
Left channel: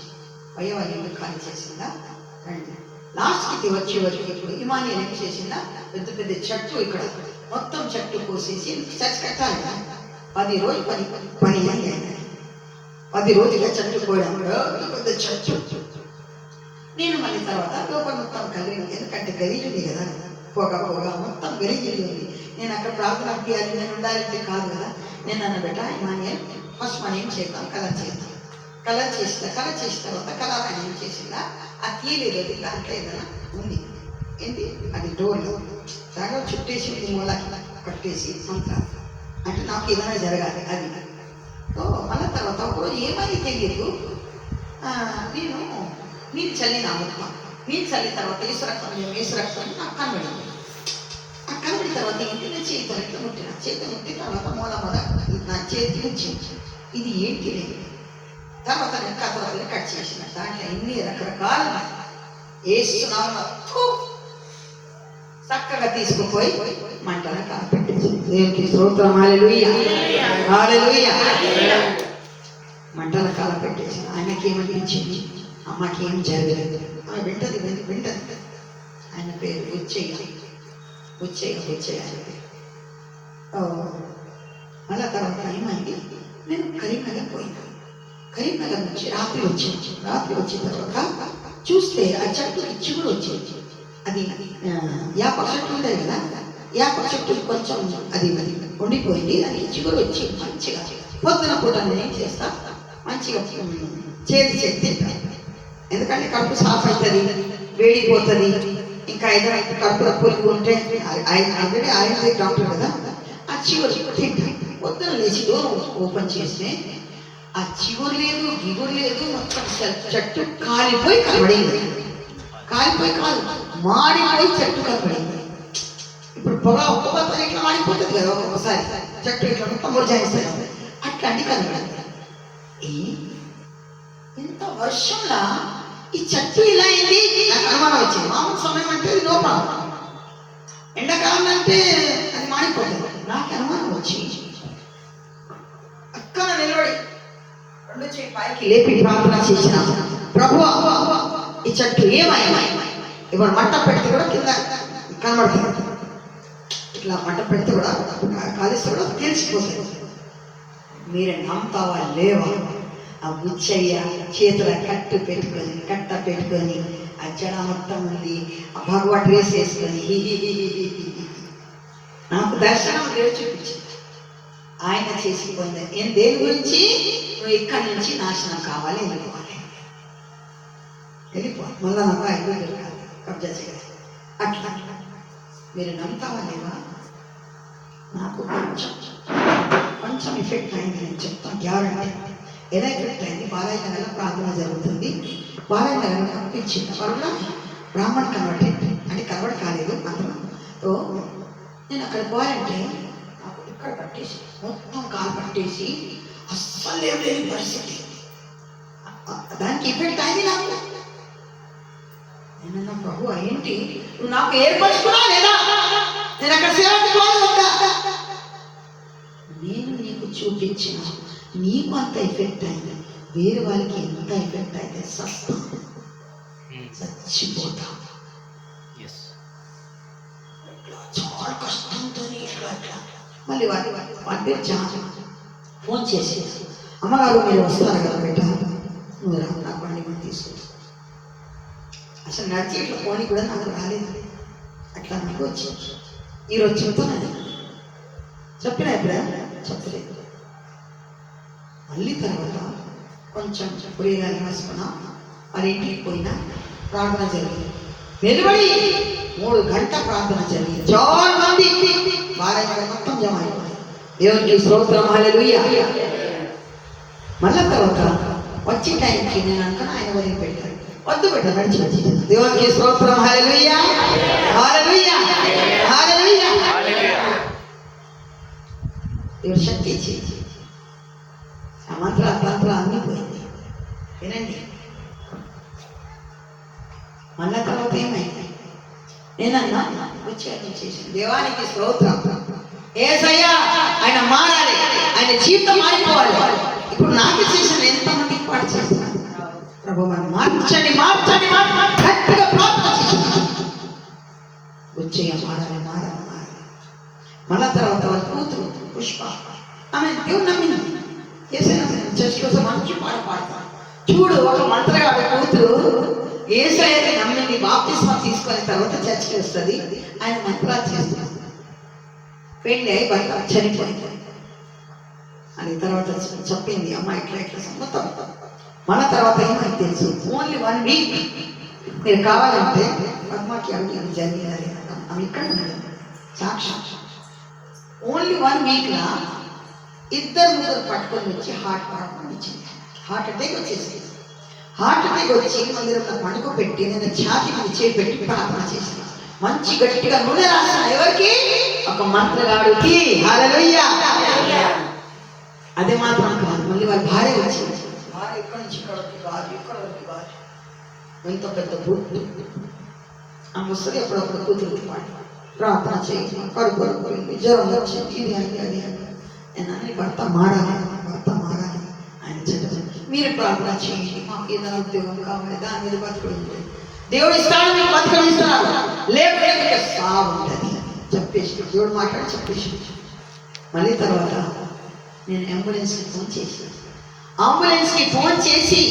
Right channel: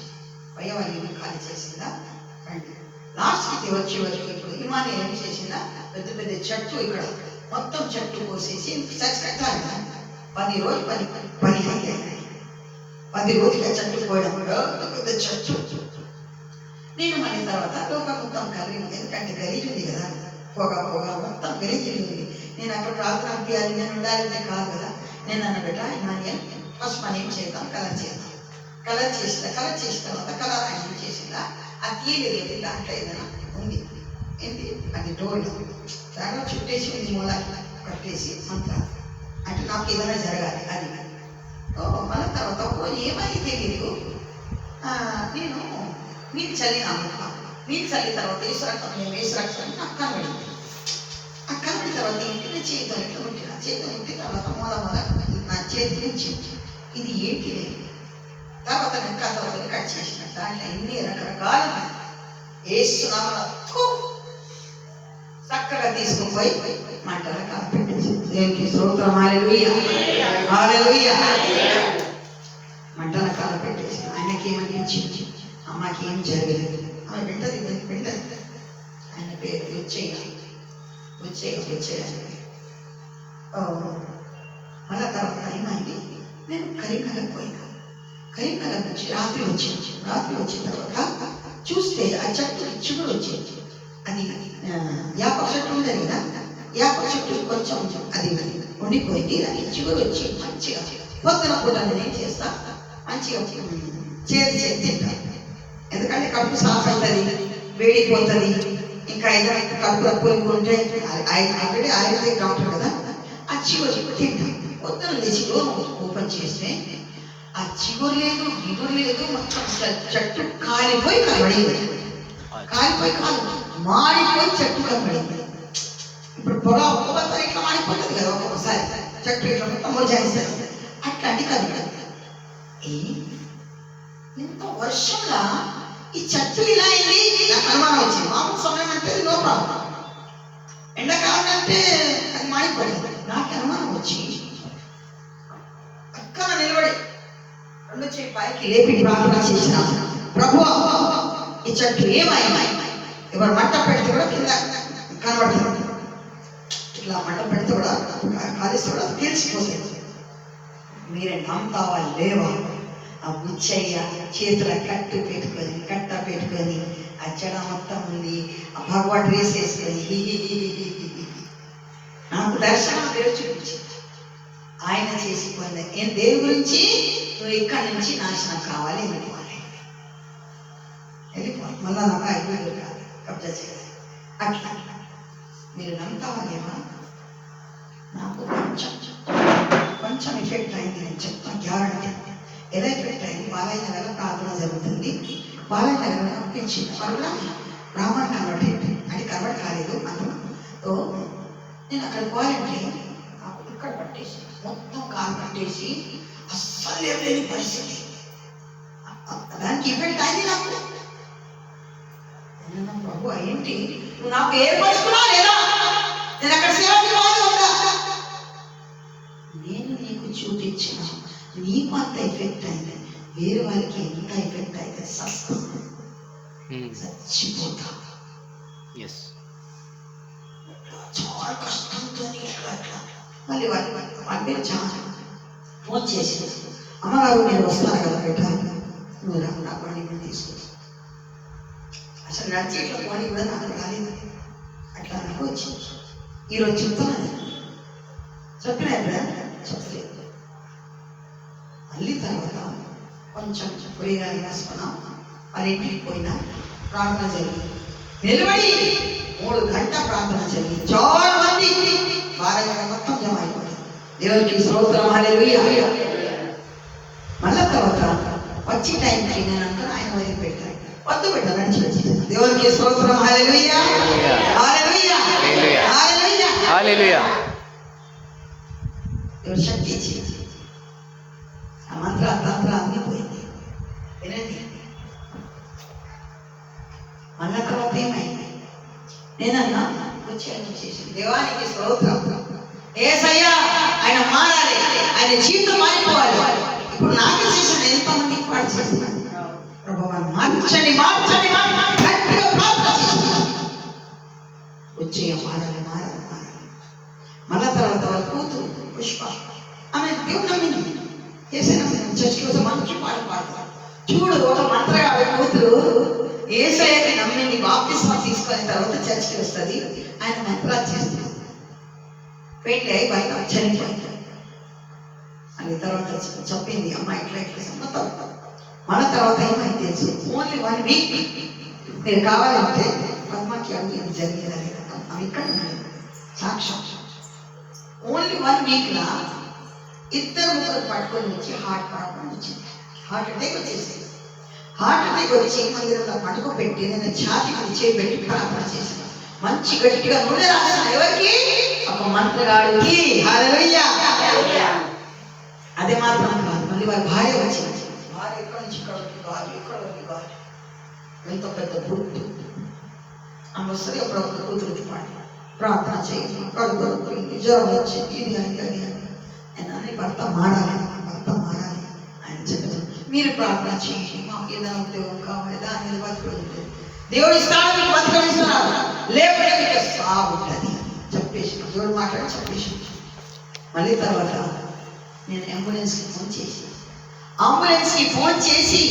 అయ్యో వాళ్ళ ఇల్లు ఖాళీ చేసిందా రండి. లాస్ట్కి వచ్చే వరకు ఇప్పుడు ఇమాని ఏం చేసిందా, పెద్ద పెద్ద చెట్టు ఇక్కడ మొత్తం చెట్టు కోసేసి చర్చ్ కట్టాలి. 10 రోజులు 10 అయ్యాయి. 10 రోజులుగా చెట్టు పోయడం పెద్ద చెట్టు. నేను మళ్ళీ తర్వాత లోపల మొత్తం కలిగింది, ఎందుకంటే గలీజుంది కదా, పొగ మొత్తం గలీజుంది ఉంది. నేను అక్కడ ప్రార్థన చేయాలి, నేను ఉండాలంటే కాదు కదా. నేను అన్న బెట ఇమానియల్ ఫస్ట్ మనం ఏం చేద్దాం, కలర్ చేద్దాం. కలర్ చేసిన తర్వాత కలర్ ఆయన ఏం చేసిందా, ఆ తీయలేదు దాంట్లో ఏదైనా ఉంది, ఏంటి అది డోర్లో దాంట్లో చుట్టేసి ఉంది, మూలకి కట్టేసి మంత్రాలు. అంటే నాకు ఏదైనా జరగాలి అది. మళ్ళీ తర్వాత ఏమని తెలియదు, నేను నీళ్ళు చల్లిన మొత్తం, నీళ్ళు చల్లిన తర్వాత వేసురక్తం నాకు కనబడింది. ఆ కనబడిన తర్వాత ఏంటి, నేను చేతితో ఇట్లా ముట్టిన, చేతితో ముట్టిన తర్వాత మూల నా చేతికి వచ్చింది. ఇది ఏంటి లేదు, తర్వాత నేను కథలతో కట్ చేసిన, దాంట్లో ఎన్ని రకరకాల వేస్తున్నాను. చక్కగా తీసుకుపోయి మంటల కలపెట్టేసి దేవునికి స్తోత్రం. హల్లెలూయా హల్లెలూయా. మంటల కలపెట్టేసి ఆయనకి ఏమనిపించింది, అమ్మకి ఏం జరగలేదు, ఆమె వింటది. ఆయన పేరు బుచ్చయ్య. మళ్ళా తర్వాత ఏమైంది, నేను కరీంనగర్ పోయినా. కరీంనగర్ నుంచి రాత్రి వచ్చిన తర్వాత చూస్తే ఆ చెట్టుకి చిగురు వచ్చేది. అది యాప చెట్టు ఉండేది కదా, యాప చెట్టు కొంచెం అది ఉండిపోయింది. అది చిగురు వచ్చి మంచిగా పొద్దున పూట నేనేం చేస్తా, మంచిగా చేతి తింటాను. ఎందుకంటే కడుపు సాఫ్ అవుతుంది, వేడిపోతుంది. ఇంకా ఏదైనా కడుపులో పురుగు ఉంటే ఆల్రెడీ ఆయుర్వేదిక్ డాక్టర్ కదా, ఆ చిగురు తింటాను. పొద్దున లేచి ఓపెన్ చేస్తే ఆ చిగురు లేదు, గిగురు లేదు, మొత్తం చెట్టు కాలిపోయి కనబడింది. కాలిపోయి కాదు, మాడిపోయి చెట్టు కనబడింది. ఇప్పుడు పొగతో ఇట్లా మాడిపోతుంది కదా ఒక్కొక్కసారి, చెట్టు ఇట్లా మొత్తం మొరజాయిస్తుంది, అట్లాంటి కనబడింది. ఇంత వర్షంలో ఈ చెట్టు ఇలా అయింది, నాకు అనుమానం వచ్చింది. మామూలు సమయం అంటే నో ప్రాబ్లం, ఎండాకాలం అంటే అది మాడిపోతుంది. నాకు అనుమానం వచ్చి అక్కడ నిలబడి రెండు చేయి పైకి లేపి ప్రార్థన చేసిన, ప్రభువా ఈ చెట్టు ఏమైనా ఇప్పుడు మంట పెడితే కూడా కింద కనబడుతుంది, ఇట్లా మంట పెడితే కూడా కాలిస్తే కూడా తెలిసిపోతుంది. మీరే నమ్ముతావా లేవా? ఆ బుచ్చయ్య చేతుల కట్ట పెట్టుకొని ఆ జడ మొత్తం ఉంది, ఆ భగవా డ్రెస్ వేసుకొని నాకు దర్శనం దేవుడు చూపించింది. ఆయన చేసి పొందే నేను దేని గురించి, నువ్వు ఇక్కడి నుంచి నాశనం కావాలి, వెళ్ళిపోవాలి. మళ్ళా నాకు ఐదు కాదు కబ్జా చేయాలి. అట్లా మీరు నమ్ముతావా లేవా? నాకు కొంచెం ఎఫెక్ట్ అయింది, నేను చెప్తాను గ్యారంటీ. ఎలా ఎఫెక్ట్ అయింది, బాలయ్య నగర్లో ప్రార్థన జరుగుతుంది. బాలయ్య నగర్లో కనిపించింది, వాళ్ళు కూడా బ్రాహ్మణ కన్వర్ట్ అంటే కన్వర్ట్ కాలేదు అందరూ. నేను అక్కడ పోయాలంటే నాకు ఇక్కడ పట్టేసి మొత్తం కాలు పట్టేసి అస్సలు లేని పరిస్థితి, దానికి ఎఫెక్ట్ అయింది నాకు. నేను ప్రభు ఏంటి నువ్వు నాకు ఏర్పరుచుకున్నా లేదా, నేను అక్కడ సేవకి పోవాలంట. నేను నీకు చూపించిన నీకు అంత ఎఫెక్ట్ అయింది, వేరే వాళ్ళకి ఎంత ఎఫెక్ట్ అయితే చచ్చిపోతా. చాలా కష్టంతో మళ్ళీ వాళ్ళ పేరు చాలా ఫోన్ చేసి, అమ్మగారు మీరు వస్తారు కదా బయట, నువ్వు నా పని కూడా తీసుకుంటా. అసలు నడిచి ఇట్లా పోనీ కూడా నాకు రాలేదు, అట్లా నాకు వచ్చింది. ఈరోజు చెప్తాను, చెప్పినా చెప్పలేదు. మళ్ళీ తర్వాత కొంచెం పులిరాని వేసుకున్నాం, మరి ఇంటికి పోయినా ప్రార్థన జరిగింది. నిలబడి 3 గంటల ప్రార్థన జరిగింది. చాలా మంది బాగా మొత్తం జమ అయిపోయింది. దేవునికి స్తోత్రం. హల్లెలూయా. మళ్ళా తర్వాత వచ్చే టైంకి నేను అనుకున్నా ఆయన వదిలిపెట్టారు, వద్దు పెట్టారు, నడిచి వచ్చింది. దేవునికి స్తోత్రం. హల్లెలూయా హల్లెలూయా హల్లెలూయా హల్లెలూయా. దేవుడు శక్తి ఇచ్చింది, ఆ మంత్ర తంత్ర అన్నీ పోయింది. వినండి, మళ్ళా తర్వాత ఏమైంది, నేనన్నా వచ్చేయని చేసింది. దేవానికి స్తోత్రం. యేసయ్యా ఆయన మారాలి, ఆయన జీవితం మారిపోవాలి. ఇప్పుడు నాకు చేసిన ఎంతమంది పాటు చేస్తున్నాను, ప్రభు మనం మార్చండి గట్టిగా ప్రార్థన చేస్తున్నాను. వచ్చేయ మారాలి. మళ్ళా తర్వాత వాళ్ళ కూతురు పుష్ప, ఆమె దేవుడు నమ్మింది. యేసయ్య చర్చ్ కోసం మంచి పాట పాడతారు. చూడు, ఒక మంత్రగాడు కూతురు యేసయ్యని నమ్మింది, బాప్తిస్మా తీసుకొని తర్వాత చర్చికి వస్తుంది, ఆయన మంత్రాలు చేస్తుంది. పెళ్ళి అయి భర్త చనిపోయింది అని తర్వాత చెప్పింది, అమ్మ ఇట్లా మొత్తం. మన తర్వాత ఏమైంది తెలుసు, ఓన్లీ 1 వీక్ మీరు కావాలంటే పద్మకి అవి జరిగింది. ఆమె ఇక్కడ సాక్షాత్ ఓన్లీ 1 వీక్లో 2-3 పట్టుకొని వచ్చి హార్ట్ ప్రాబ్లం వచ్చింది. హార్ట్ అటాక్ వచ్చేసింది. హార్ట్ అటాక్ వచ్చి మందిరంలో పట్టుకు పెట్టి నేను ఛాతీకి చేపెట్టి ప్రార్థన చేసిన, మంచి గట్టిగా నూనె రాసిన. ఎవరికి? ఒక మంత్రగాడికి. హల్లెలూయా. అదే మాత్రం కాదు, మళ్ళీ వాళ్ళ భార్య వచ్చింది. భార్య ఎక్కడి నుంచి ఇక్కడ ఎంత పెద్ద బుద్ధి ఆమె వస్తుంది. ఎప్పుడొక కూతురు పాడు ప్రార్థన చేయి, కడుపు నొప్పింది, జ్వరం వచ్చింది, ఇది అయింది అది అని. నేను అన్నీ భర్త మారాలి ఆయన చెప్పారు. మీరు ప్రార్థన చేయండి, మాకు ఏదైనా ఉద్యోగం కావాలి, దాని మీద బతుకుడు దేవుడు ఇస్తాడు, మీకు బతుకనిస్తున్నాడు, లేకపోతే మీకు సాగు ఉంటుంది చెప్పేసి దేవుడు మాట్లాడి చెప్పేసి. మళ్ళీ తర్వాత నేను అంబులెన్స్కి ఫోన్ చేసి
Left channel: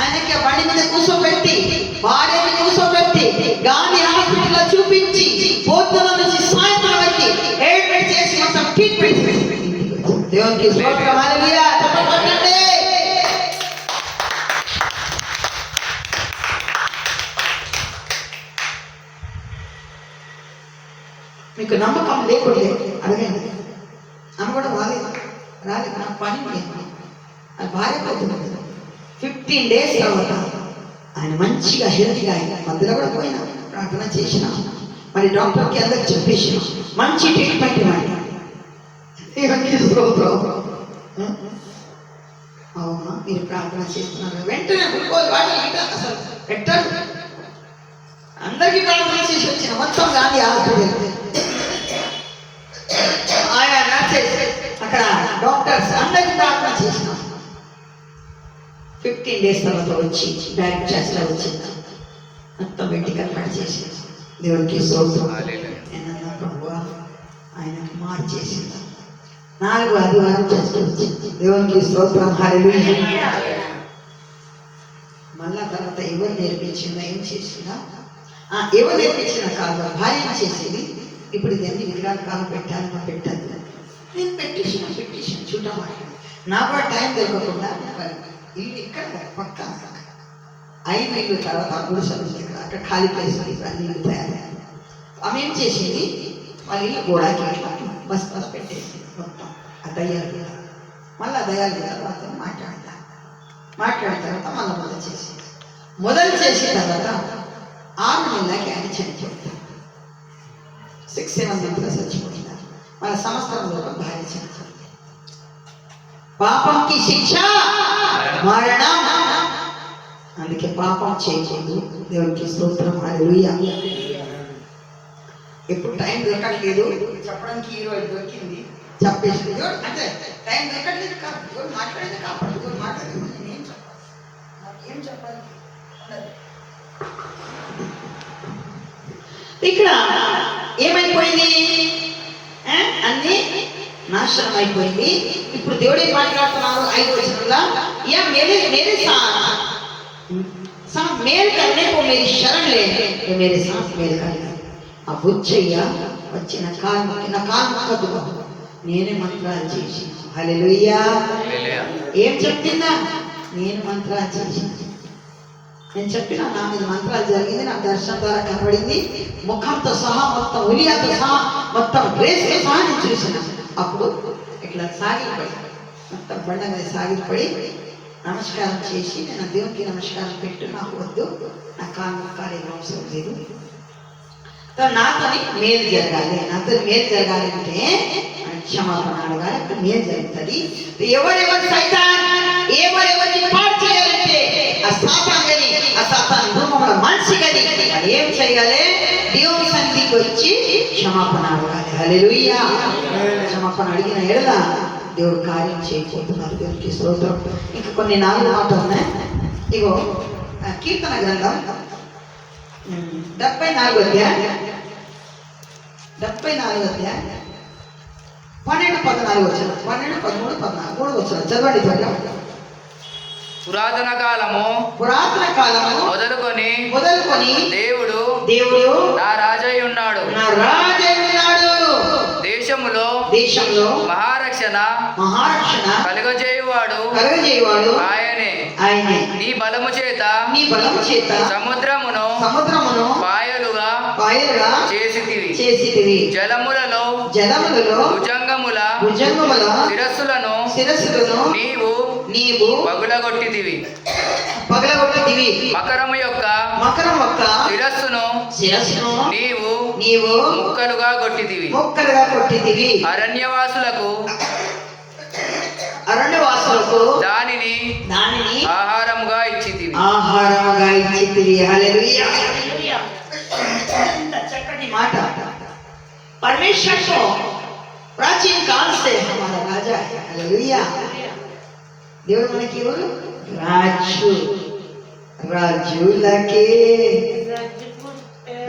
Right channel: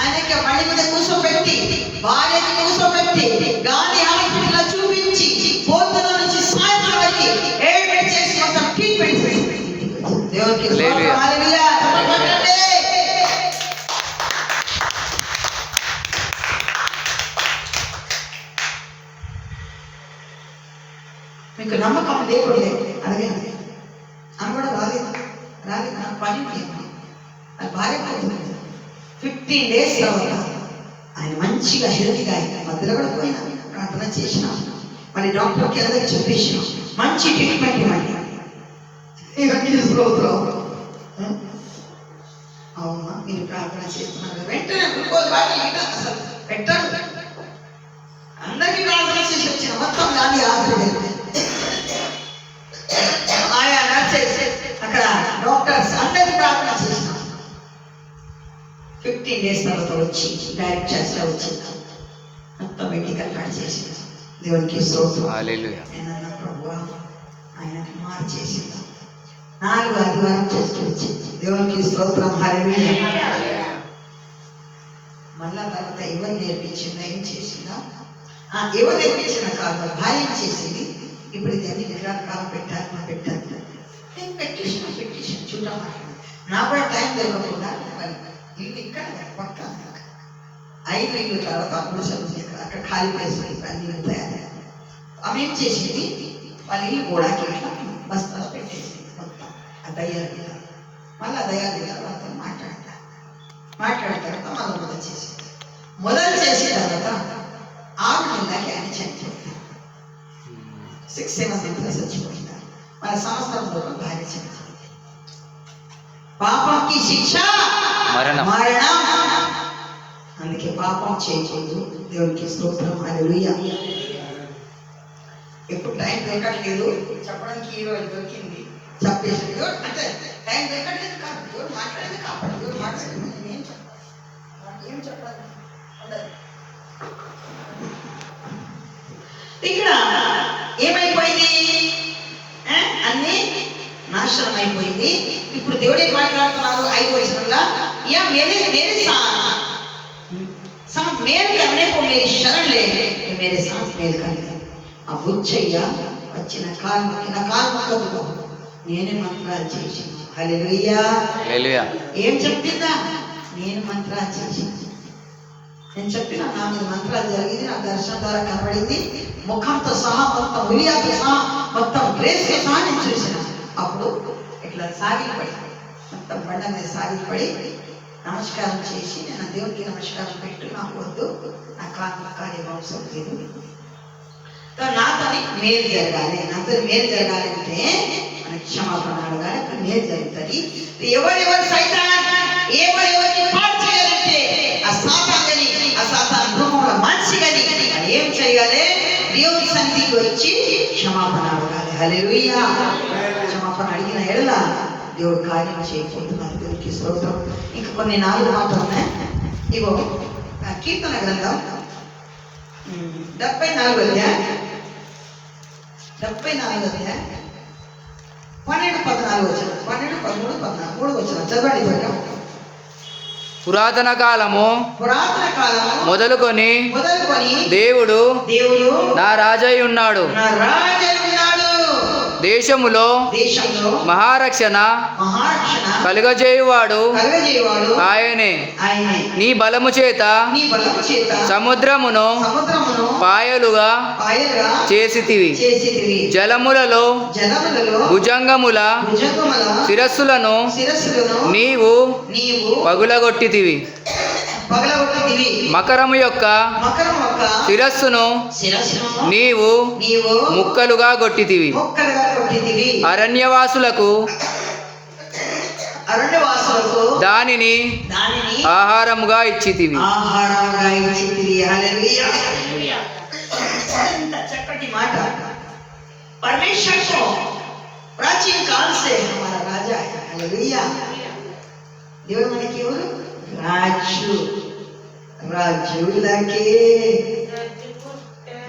ఆయనకి బండి మీద కూర్చోబెట్టి, భార్యని కూర్చోబెట్టి గాంధీ హాస్పిటల్లో చూపించి పొద్దున నుంచి సాయంత్రం వరకు ఏడ్మిట్ చేసి మొత్తం ట్రీట్మెంట్ చేసి దేవునికి స్తోత్రం. హల్లెలూయా. కొట్టండి. మీకు నమ్మకం లేకుండా అడగండి. ఆమె కూడా రాలేదు నాకు పని అది భార్య పోతుంది. 15 days తర్వాత ఆయన మంచిగా హెల్తీగా ఆయన మధ్యలో కూడా పోయినా ప్రార్థన చేసిన, మరి డాక్టర్కి అందరికి చెప్పేసి మంచి ట్రీట్మెంట్ ఇవ్వండి. అవునా మీరు ప్రార్థన చేస్తున్నారు, వెంటనే గ్లూకోజ్ వాటర్ అసలు పెట్టారు. అందరికీ ప్రార్థన చేసి వచ్చిన మొత్తం గాంధీ హాస్పిటల్ ఆయా నర్సెస్ అక్కడ డాక్టర్స్ అందరికీ ప్రార్థన చేసిన 15 days తర్వాత వచ్చి డైరెక్ట్ చేస్తా వచ్చింది, మొత్తం మెడికల్ కార్డ్ చేసి దేవునికి స్తోత్రం. ప్రభువా ఆయనకి మార్చేసింది. 4 ఆదివారం చేస్తూ వచ్చింది. దేవునికి స్తోత్రం. హల్లెలూయా. మళ్ళా తర్వాత ఎవరు నేర్పించిందా, ఏం చేసిందా, ఎవరు నేర్పించిన కాదు భార్య చేసింది. ఇప్పుడు ఇది అన్ని విగ్రహాల కాలం పెట్టాను నేను పెట్టేసిన చూడ మాట్లాడు. నాకు కూడా టైం దొరకకుండా ఇల్లు ఇక్కడ పక్క 5 ఇల్లు తర్వాత 3 సభ్యులు అక్కడ ఖాళీ ప్లేస్ అన్ని ఇల్లు తయారయ్యాయి. ఆమె ఏం చేసింది, వాళ్ళ ఇల్లు గోడాకి బస్ పెట్టేసి మొత్తం ఆ దయ్యాలు మళ్ళీ దయ్యాలు తర్వాత మాట్లాడిన తర్వాత మళ్ళీ మొదలు చేసిన తర్వాత 6 నెలలకి ఆయన చనిపోయింది. 6-7 months చచ్చిపోయినారు. వాళ్ళ సంవత్సరం భార్య చనిపోయింది. పాపంకి శిక్ష మరణం. అందుకే పాపం చేయకూడదు. దేవునికి స్తోత్రం. హల్లెలూయా. ఎప్పుడు టైం దొరకట్లేదు చెప్పడానికి, ఈరోజు దొరికింది చెప్పేసి అంటే టైం దొరకట్లేదు కాదు, ఎవరు మాట్లాడేది కాబట్టి ఎవరు మాట్లాడేది ఏం చెప్పడానికి ఉండదు. ఇక్కడ ఏమైపోయింది, అన్ని నాశనం అయిపోయింది. ఇప్పుడు దేవుడు ఏం మాట్లాడుతున్నారు 5వ వచనంలో, యా మేరే కన్నే కో మేరీ శరణ్ లే, మేరే సాథ్ మేరే కన్నే. ఆ బుచ్చయ్య వచ్చిన నా కాలు మొక్కదు, నేనే మంత్రాలు చేసి. హల్లెలూయా. ఏం చెప్పిందా, నేను మంత్రాలు చేసి, నేను చెప్పిన నా మీద మంత్రాలు జరిగింది, నా దర్శనం ద్వారా కనబడింది, ముఖంతో సహా మొత్తం ఉలియాతో సహా మొత్తం డ్రెస్తో సహా నేను చూసిన. అప్పుడు ఇట్లా సాగిపడి మొత్తం బండ మీద సాగిపడి నమస్కారం చేసి, నేను దేవునికి నమస్కారం పెట్టు, నాకు వద్దు, నా కాలు వంశం లేదు, నాతో మేలు జరగాలి, అంటే క్షమాపణ అడగాలి, మేలు జరుగుతుంది. ఎవరెవరు సైతాన్ ఎవరెవరికి పాడు చేయాలంటే ఆ సాతాన్ రూపంలో మనిషి గని ఏం చేయాలి, దేవుని సన్నిధికి వచ్చి క్షమాపణ అడగాలి. హల్లెలూయా. క్షమాపణ అడిగిన ఎడల దేవుడు కార్యం చేయకపోతున్నారు. దేవునికి స్తోత్రం. ఇంకా కొన్ని 4 మాటలు ఉన్నాయి. ఇగో కీర్తన గ్రంథం 74వ అధ్యాయం 12-14 వచనం, 12, 13, 14 3 వచనం చదవండి. పురాతన కాలము మొదలుకొని దేవుడు నా రాజై ఉన్నాడు, దేశములో మహారక్షణ కలుగజేయువాడు ఆయనే. నీ బలము చేత సముద్రమును పాయలుగా చేసితివి, జలములలో భుజంగముల శిరస్సులను నీవు పగులగొట్టితివి, మకరము యొక్క శిరస్సును నీవు ముక్కలుగా కొట్టితివి, అరణ్యవాసులకు దానిని ఆహారముగా ఇచ్చితివి. హల్లెలూయా. చక్కటి మాట. परमेश्वर तो प्राचीन काल से हमारा राजा है। हालेलुया। దేవుడు మనకి ఎవరు? రాజు. రాజులకే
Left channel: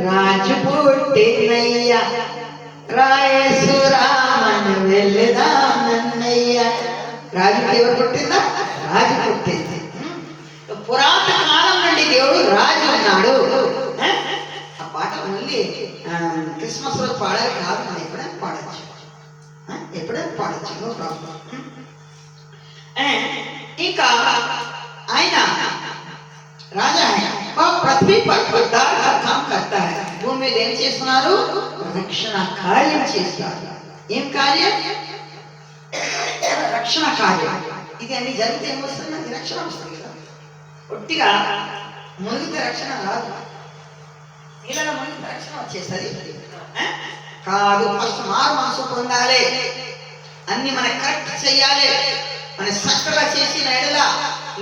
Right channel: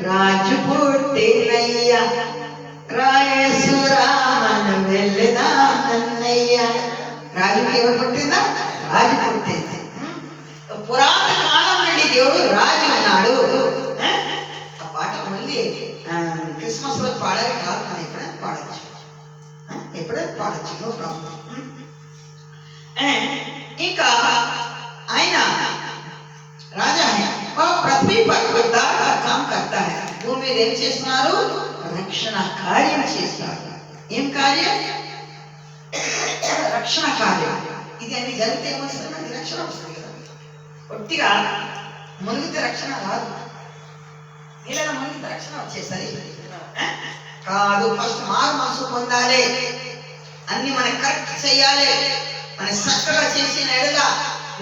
రాజు పుట్టినయ్యా, రాయేసురామను వెళ్ళదానన్నయ్యా. రాజు ఎవరు పుట్టిందా? రాజు పుట్టింది. పురాతన కాలం నుండి దేవుడు రాజు ఉన్నాడు. ఆ పాట మళ్ళీ క్రిస్మస్ రోజు పాడాలి కాదు, మనం ఎప్పుడైనా పాడచ్చు, ఎప్పుడైనా పాడచ్చు, నో ప్రాబ్లం. ఇంకా ఆయన రాజా పృథ్వీ పర్ కామ్ కర్తా హై. భూమి మీద ఏం చేస్తున్నారు? రక్షణ కార్యం చేస్తారు. ఏం కార్యం? రక్షణ కార్యం. ఇది అన్ని జరిగితే ఏమొస్తుంది? మనకి రక్షణ వస్తుంది కదా. ఒట్టిగా మునిగితే రక్షణ రాదు, నీళ్ళలో మునిగితే రక్షణ వచ్చేస్తుంది కాదు. ఫస్ట్ మారు మనసు పొందాలి, అన్ని మనం కరెక్ట్ చెయ్యాలి. మన చక్కగా చేసిన ఎడల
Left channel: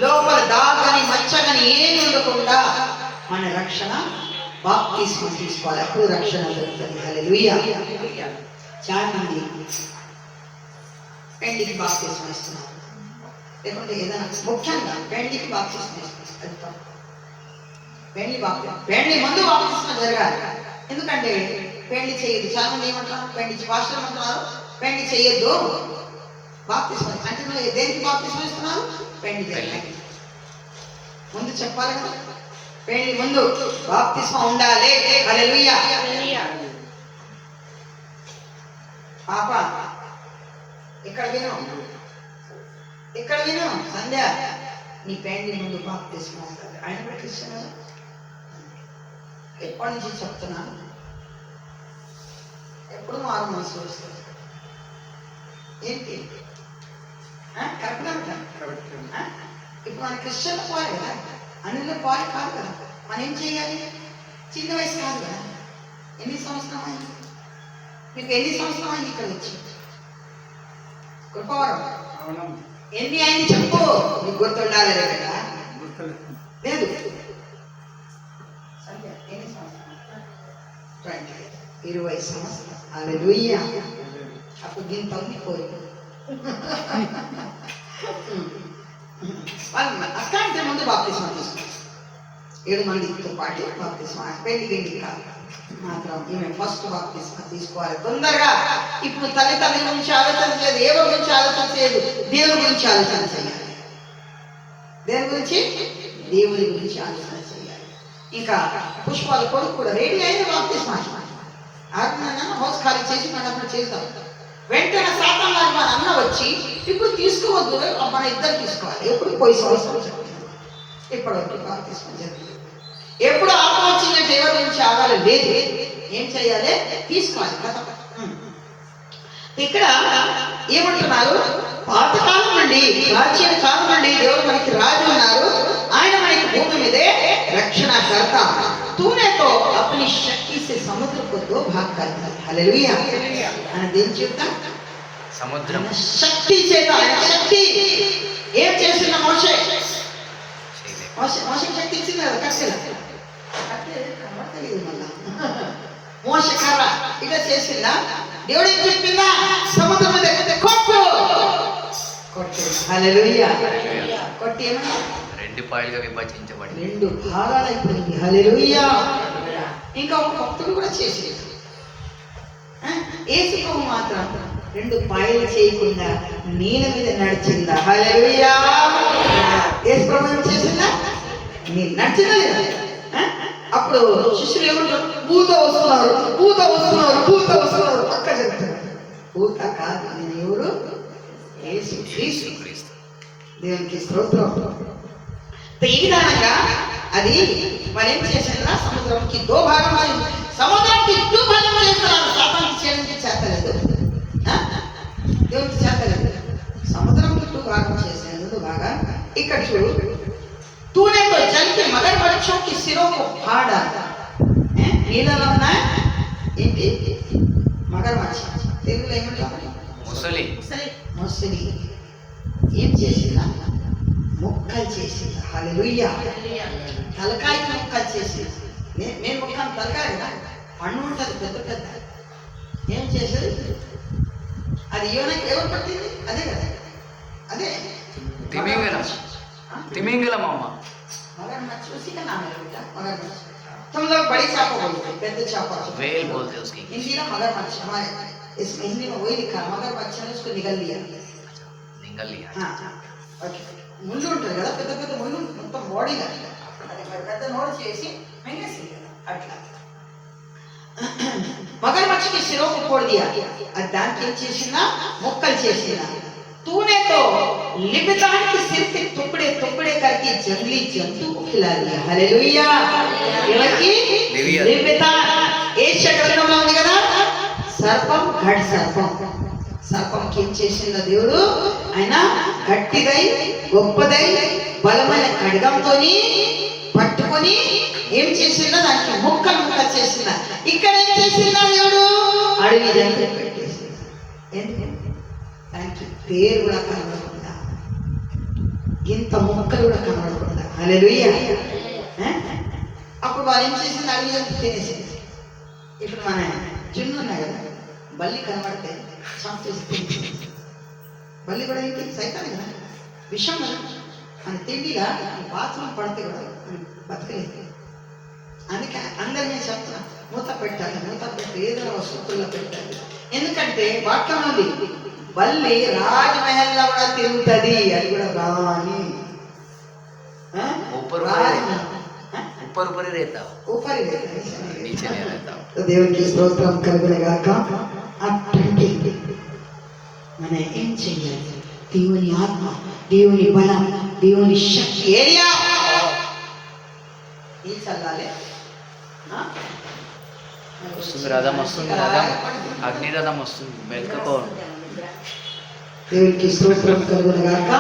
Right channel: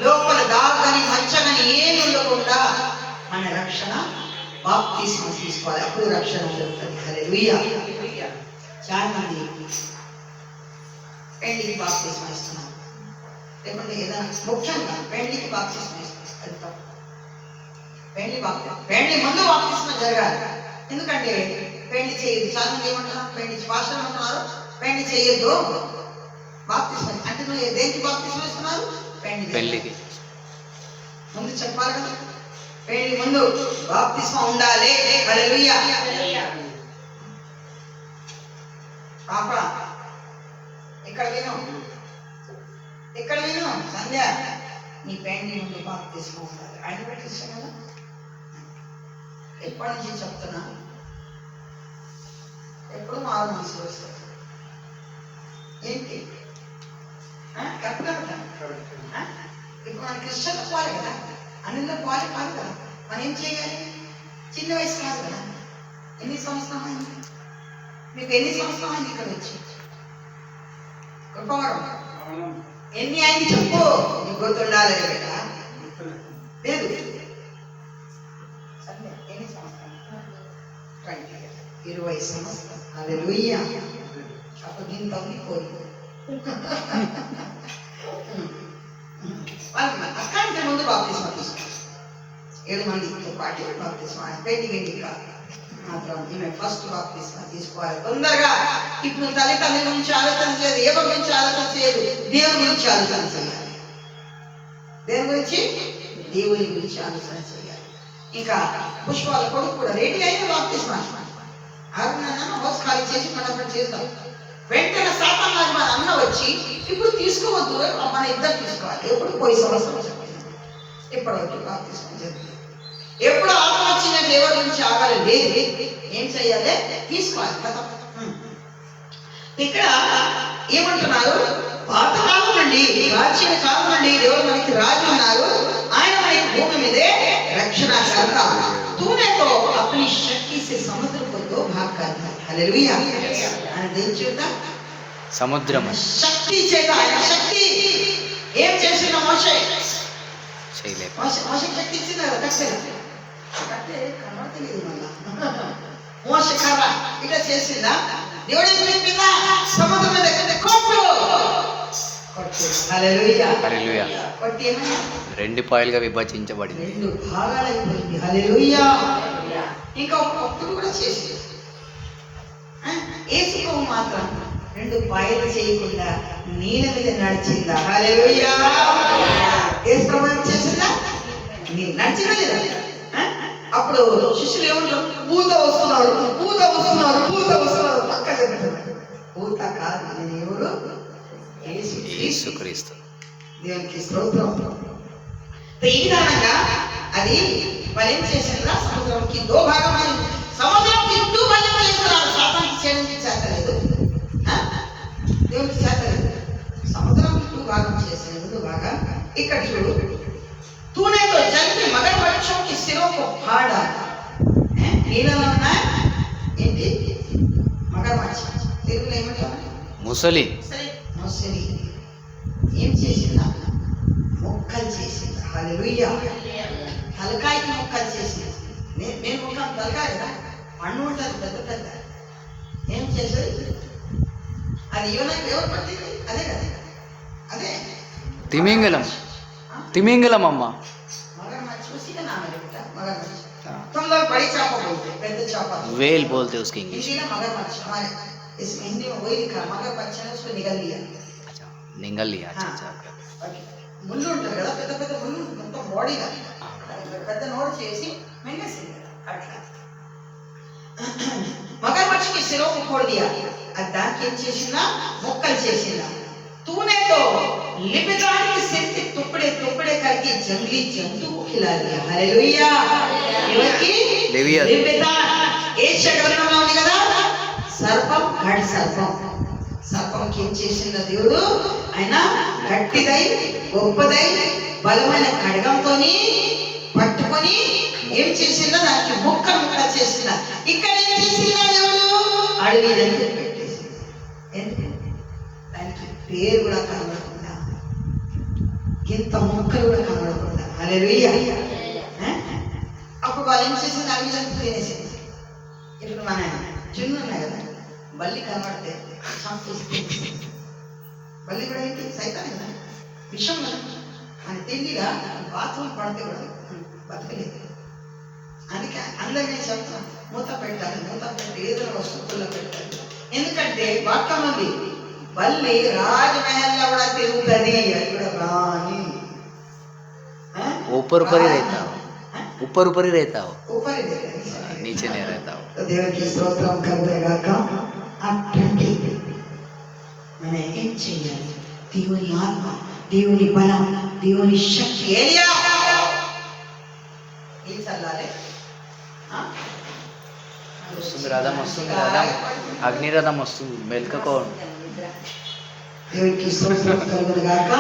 లోపల దాగని మచ్చగని ఏమి ఉండకుండా మన రక్షణ బాప్తిస్మం తీసుకోవాలి, అప్పుడు రక్షణ జరుగుతుంది. హల్లెలూయా. చాలా మంది పెళ్లికి బాప్తిస్మం ఇస్తున్నారు, లేకుంటే ఏదైనా ముఖ్యంగా పెళ్లికి బాప్తిస్మం ఇస్తున్నారు. అది తప్పు. పెళ్లి ముందు బాప్తిస్మం జరగాలి. ఎందుకంటే పెళ్లి చేయదు. చాలా మంది ఏమంటున్నారు? పెళ్లి భాషలు అంటున్నారు పెళ్లి చేయొద్దు, బాప్తిస్మం అంటే దేనికి బాప్తిస్మం ఇస్తున్నారు? పెళ్లికి ముందు చెప్పాలి కదా. పెళ్లి ముందు బాప్తిస్మం ఉండాలి. హల్లెలూయా. పాప ఇక్కడ విను, ఇక్కడ విను. సంధ్య, నీ పెళ్లి ముందు బాప్తిస్మం ఉండాలి. ఆయన కూడా క్రిస్టియన్ కదా. ఎప్పటి నుంచి చెప్తున్నాను, ఎప్పుడు మారు మనసు వస్తుంది. ఏంటి కరెక్ట్? ఇప్పుడు మన క్రిస్టియన్లో పోవాలి కదా, అన్నిలో పోవాలి కాదు కదా. మనం ఏం చేయాలి? చిన్న వయసు కాదు కదా. ఎన్ని సంవత్సరం అయింది మీకు? ఎన్ని సంవత్సరం అయింది ఇక్కడ వచ్చి? కృపవరం ఎన్ని అయింది చెప్పు, నీకు గుర్తుండాలి కదా. లేదు, ఎన్ని సంవత్సరాలు? 20 సంవత్సరాలు. హల్లెలూయా. అప్పుడు దీని తగ్గిపోయింది. అట్లాంటి ముందు బాప్తిస్మం తీసుకోవాలి. 7 మందితో పాటు బాప్తిస్మం. పెళ్లి కాదు మాత్రం ఈమె ఫస్ట్ బాప్తిస్మం తీసుకోవాలి తొందరగా. ఇప్పుడు తల్లి గురించి ఆలోచన చేయదు, ఏదో గురించి ఆలోచన చేయదు, దేవుని గురించి ఆలోచన చేయాలి. దేని గురించి? దేవుని గురించి ఆలోచన చేయాలి. ఇంకా పుష్పాల కొడుకు కూడా రెడీ అయింది బాప్తిస్మం. హౌస్ ఖాళీ చేసి మనం చేస్తాం. వెంటనే సాతాను మన అన్న వచ్చి ఇప్పుడు తీసుకోవద్దు, మన ఇద్దరు తీసుకోవాలి. ఎప్పుడు పోయి సంవత్సరం చెప్పిన ఇప్పటివరకు బాప్తిస్మం జరిగింది. ఎప్పుడు ఆట వచ్చిన దేవుడి నుంచి ఆగాలి లేదు. ఏం చేయాలి? తీసుకోవాలి కదా. ఇక్కడ ఏమంటున్నారు? పాతకాలం నుండి, ప్రాచీన కాలం నుండి దేవుడు మనకి రాజు ఉన్నారు. ఆయన మనకి భూమి మీదే రక్షణ కర్త. तूने तो अपनी शक्ति से समुद्र को 2 भाग कर दिया. हालेलुया. ఆయన ఏం చేద్దాం? సముద్రం శక్తి చేత, ఆయన శక్తి ఏం చేసిన మోషే శక్తి ఇచ్చింది కదా. కట్టే కనబడతలేదు మళ్ళా. మోషే కర్ర ఇట్లా చేసిందా? దేవుడు ఏం చెప్పిందా? సముద్రం మీద కొట్టు. హల్లెలూయా. కొట్టి ఏమన్నా 2 పాయలుగా విభజించబడింది, 2 భాగాలు అయిపోయింది. హల్లెలూయా. ఇంకా ఒక భక్తుడు కూడా చేసి యేసుకు మాత్రం 2 పాయలు చేయకుండా నీళ్ళ మీద నడిచిందా? హల్లెలూయా. యేసు ప్రభువు చేసిందా? నీళ్ళు నడిచిందా లేదా? అప్పుడు శిష్యులు ఏమంటారు? భూత వస్తున్నారు పక్క చెప్తారు. భూత కాదు, నేను ఎవరు? యేసుక్రీస్తు. దేవునికి స్తోత్రం. ఈ విధానంగా అది మరి ఏం చేసిందా? సముద్రంకి 2 భాగం అయింది. సముద్రంకి 2 భాగం చేస్తున్నారు. సాతానికి చేయడానికి చేతలేదు, దేవునికి చేతలేదు. సముద్రంకి 2 భాగం చేసినందుకు బాగా. ఇక్కడ చూడు, तूने तो जल के मगरमच्छों के सिरों को फाड़ा. నీళ్ళలో ఉన్న ఏంటి? మగరమచ్చ. తెలుగులో ఏమంటారు? ముసలి. ఏం చేసిందా? ముక్కలు చేసింది. హల్లెలూయా. తలకాయకి ముక్కలు చేసింది. నేను ముక్కలు తలకాయ కదా, పండు ఉంటుంది పెద్ద పెద్ద. ఏం చేసేది? అది యోనాకి ఎవరు పట్టింది? అదే కదా, అదే తిమింగలం. తిమింగలం అమ్మ. मगरमच्छ उसी का नाम है बेटा, मगरमच्छ। तुम लोग बड़ी चापा बोलते हैं, पेद्द चापा वेल बोलते उसकी इंग्लिश। हिंदी ना मगरमच्छ, हमारे इसमें हिंदी में वही लिखा मगरमच्छ ने उसको निगल लिया। अच्छा, निगल लिया। अच्छा ఓకే, ముళ్ళు ఉంటుంది కదా, పెద్ద పెద్ద ముళ్ళు మొత్తం బాడీ అది పెద్ద నోరు చేసి మింగేసింది కదా అట్లా. మగరమచ్ఛకి సిరోకు కోడి దియా, అది దానికి ఏం చేసిందా, ముక్కలు చేసిందా. तूने तो लिबितान के सिर के टुकड़े टुकड़े करके जंगली जंतु को खिला दिया। हालेलुया। ఎవరికి? లిబితాన్. ఏషియా గ్రంథంలో ఉంది కదా, సర్పం, ఘట సర్పం. సర్పంకి ఏం చేసిందో దేవుడు, ఆయన గట్టిదై గొప్పదై బలమైన ఖడ్గంతోని పట్టుకొని ఏం చేసిందో దానికి ముక్కలు ముక్కలు చేసిందా. ఇక్కడ ఏం చేసిందా దేవుడు, అడవి జంతువు పెట్టేసింది. ఎందుకు? దానికి పేరు కూడా కనబడకుండా, ఇంత ముక్కలు కూడా కనబడకుండా. హల్లెలూయా. అప్పుడు వాళ్ళు ఏం చేసింది, అడవి జంతువు తినేసింది. ఇప్పుడు మన జున్ను ఉన్నాయి కదా, బల్లి కనబడితే చంపేస్తే, బల్లి కూడా ఏంటి, సైతాన్ కదా, విషం కదా. మన తిండిగా బాత్రూమ్ పడితే కూడా బతకలేదు. అందుకే అందరినీ చెప్తున్నా, మూత పెట్టాలి, మూత పెట్టి ఏదో వస్తువుల్లో పెట్టాలి. ఎందుకంటే వాక్యం ఉంది, బల్లి రాజమహల్లో కూడా తిరుగుతుంది, అది కూడా రాని ऊपर ऊपर ही रहता हो, ऊपर ही रहता है, नीचे नहीं रहता हो. దేవునికి స్తోత్రం కలుగుగాక. అటువంటి మన ఏం చెయ్యాలి, దేవుని ఆత్మ, దేవుని బలం, దేవుని శక్తి. ఏలియా ఏం చల్లాలి, వస్తుంది రథం, వస్తుంది రథం, అగ్ని రథం వస్తుంది, మెల్కకోండి. దేవునికి స్తోత్రం కలుగుగాక.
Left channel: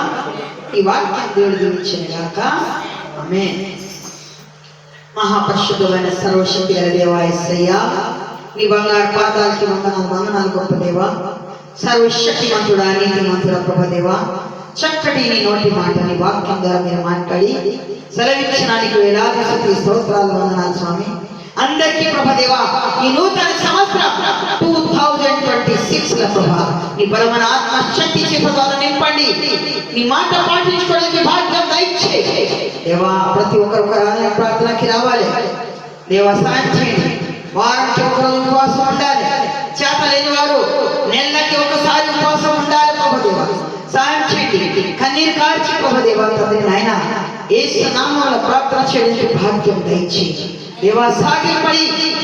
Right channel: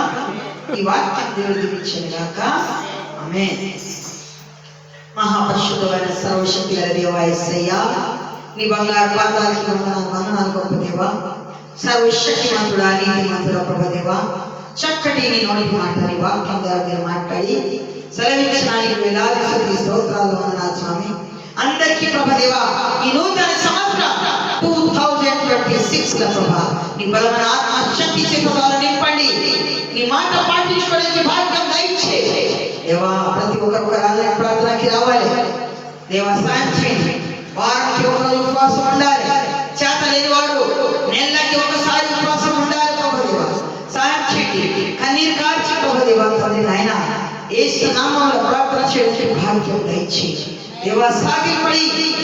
ఈ వాక్యం దేవుడు దీవించుగాక. ఆమేన్. మహాపరిశుద్ధమైన సర్వశక్తి గల దేవా యేసయ్యా, నీ బంగారు పాదాలకి వందనాలు గొప్ప దేవా, సర్వశక్తిమంతుడా, నీతిమంతుడా ప్రభు దేవా, చక్కటి నీ నోటి మాట, నీ వాక్యం ద్వారా మీరు మాట్లాడి సెలవించడానికి వేలాది స్తుతి స్తోత్రాలు వందనాలు స్వామి. అందరికీ ప్రభుదేవా ఈ నూతన సంవత్సరం 2026 ప్రభా నీ బలమైన ఆత్మ శక్తి చేత నింపండి. నీ మాట పాటించుకోవడానికి భాగ్యం దయచేయండి దేవా. ప్రతి ఒక్కరు ఆలయ ప్రార్థనకి రావాలి దేవా, సాయం చేయండి. వారానికి ఒకరోజు ఉపవాసం ఉండాలి, చేత లేని వారు నెలకి ఒకసారి ఉపవాసం ఉండాలి ప్రభుదేవా. సాయం చేయండి, కన్నీరు కార్చి ప్రభుదేవా. తండ్రి నాయన యేసు నామములో ప్రార్థన చేయడానికి భాగ్యం దయచేయండి దేవా. సాగిపడి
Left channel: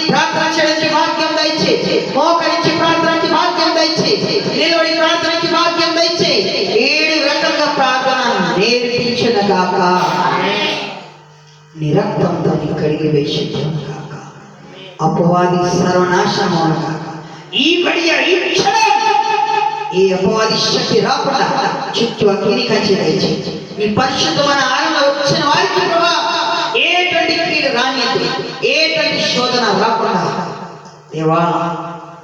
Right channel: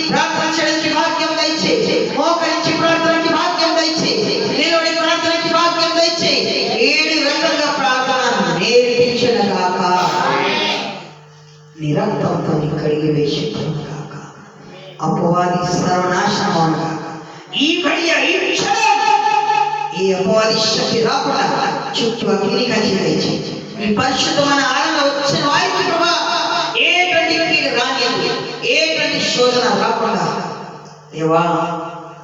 ప్రార్థన చేయడానికి భాగ్యం దయచేయి, మోకరించి ప్రార్థనకి భాగ్యం దయచేయి, నిలబడి ప్రార్థనకి భాగ్యం దయచేయి. 7 రకాలుగా ప్రార్థన నేర్పించిన గాక, నిరంతరంతో కడిగి వేసించను గాక, అపవాది సర్వనాశనం గాక. ఈ గడియ ఈ క్షణం ఈ అపవాది శక్తి రాకుండా చుట్టూ అగ్ని కంచి దయచేయి. ఈ పరిశుద్ధమైన ఆనందం వచ్చిన వారికి ప్రభా ఏటువంటి కీడు రానిది, ఏటువంటి శోధన రాకుండా దేవా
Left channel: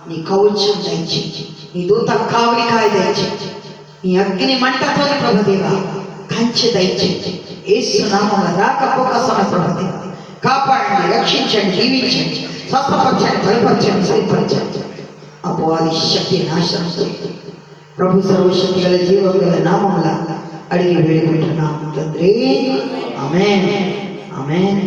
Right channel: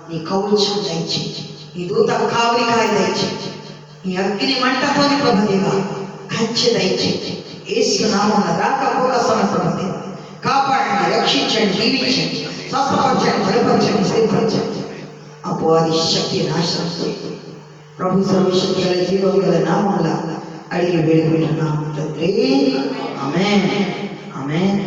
నీ కవచం దయచేయి, నీ దూత కావలికాయ దయచేయి, నీ అగ్ని మంటతోని ప్రభుదేవా కంచె దయచేయి. యేసు నామమున రాకపోక సమయం ప్రభుదేవా కాపాడండి, రక్షించండి, దీవించండి, స్వస్థపరచండి, బలపరచండి, స్థిరపరచండి. అపవాది శక్తి నాశనం చేయండి ప్రభు. సర్వశక్తి గల జీవం గల నామమున అడిగి వేడుకుంటున్నాము తండ్రి. ఆమేన్, ఆమేన్.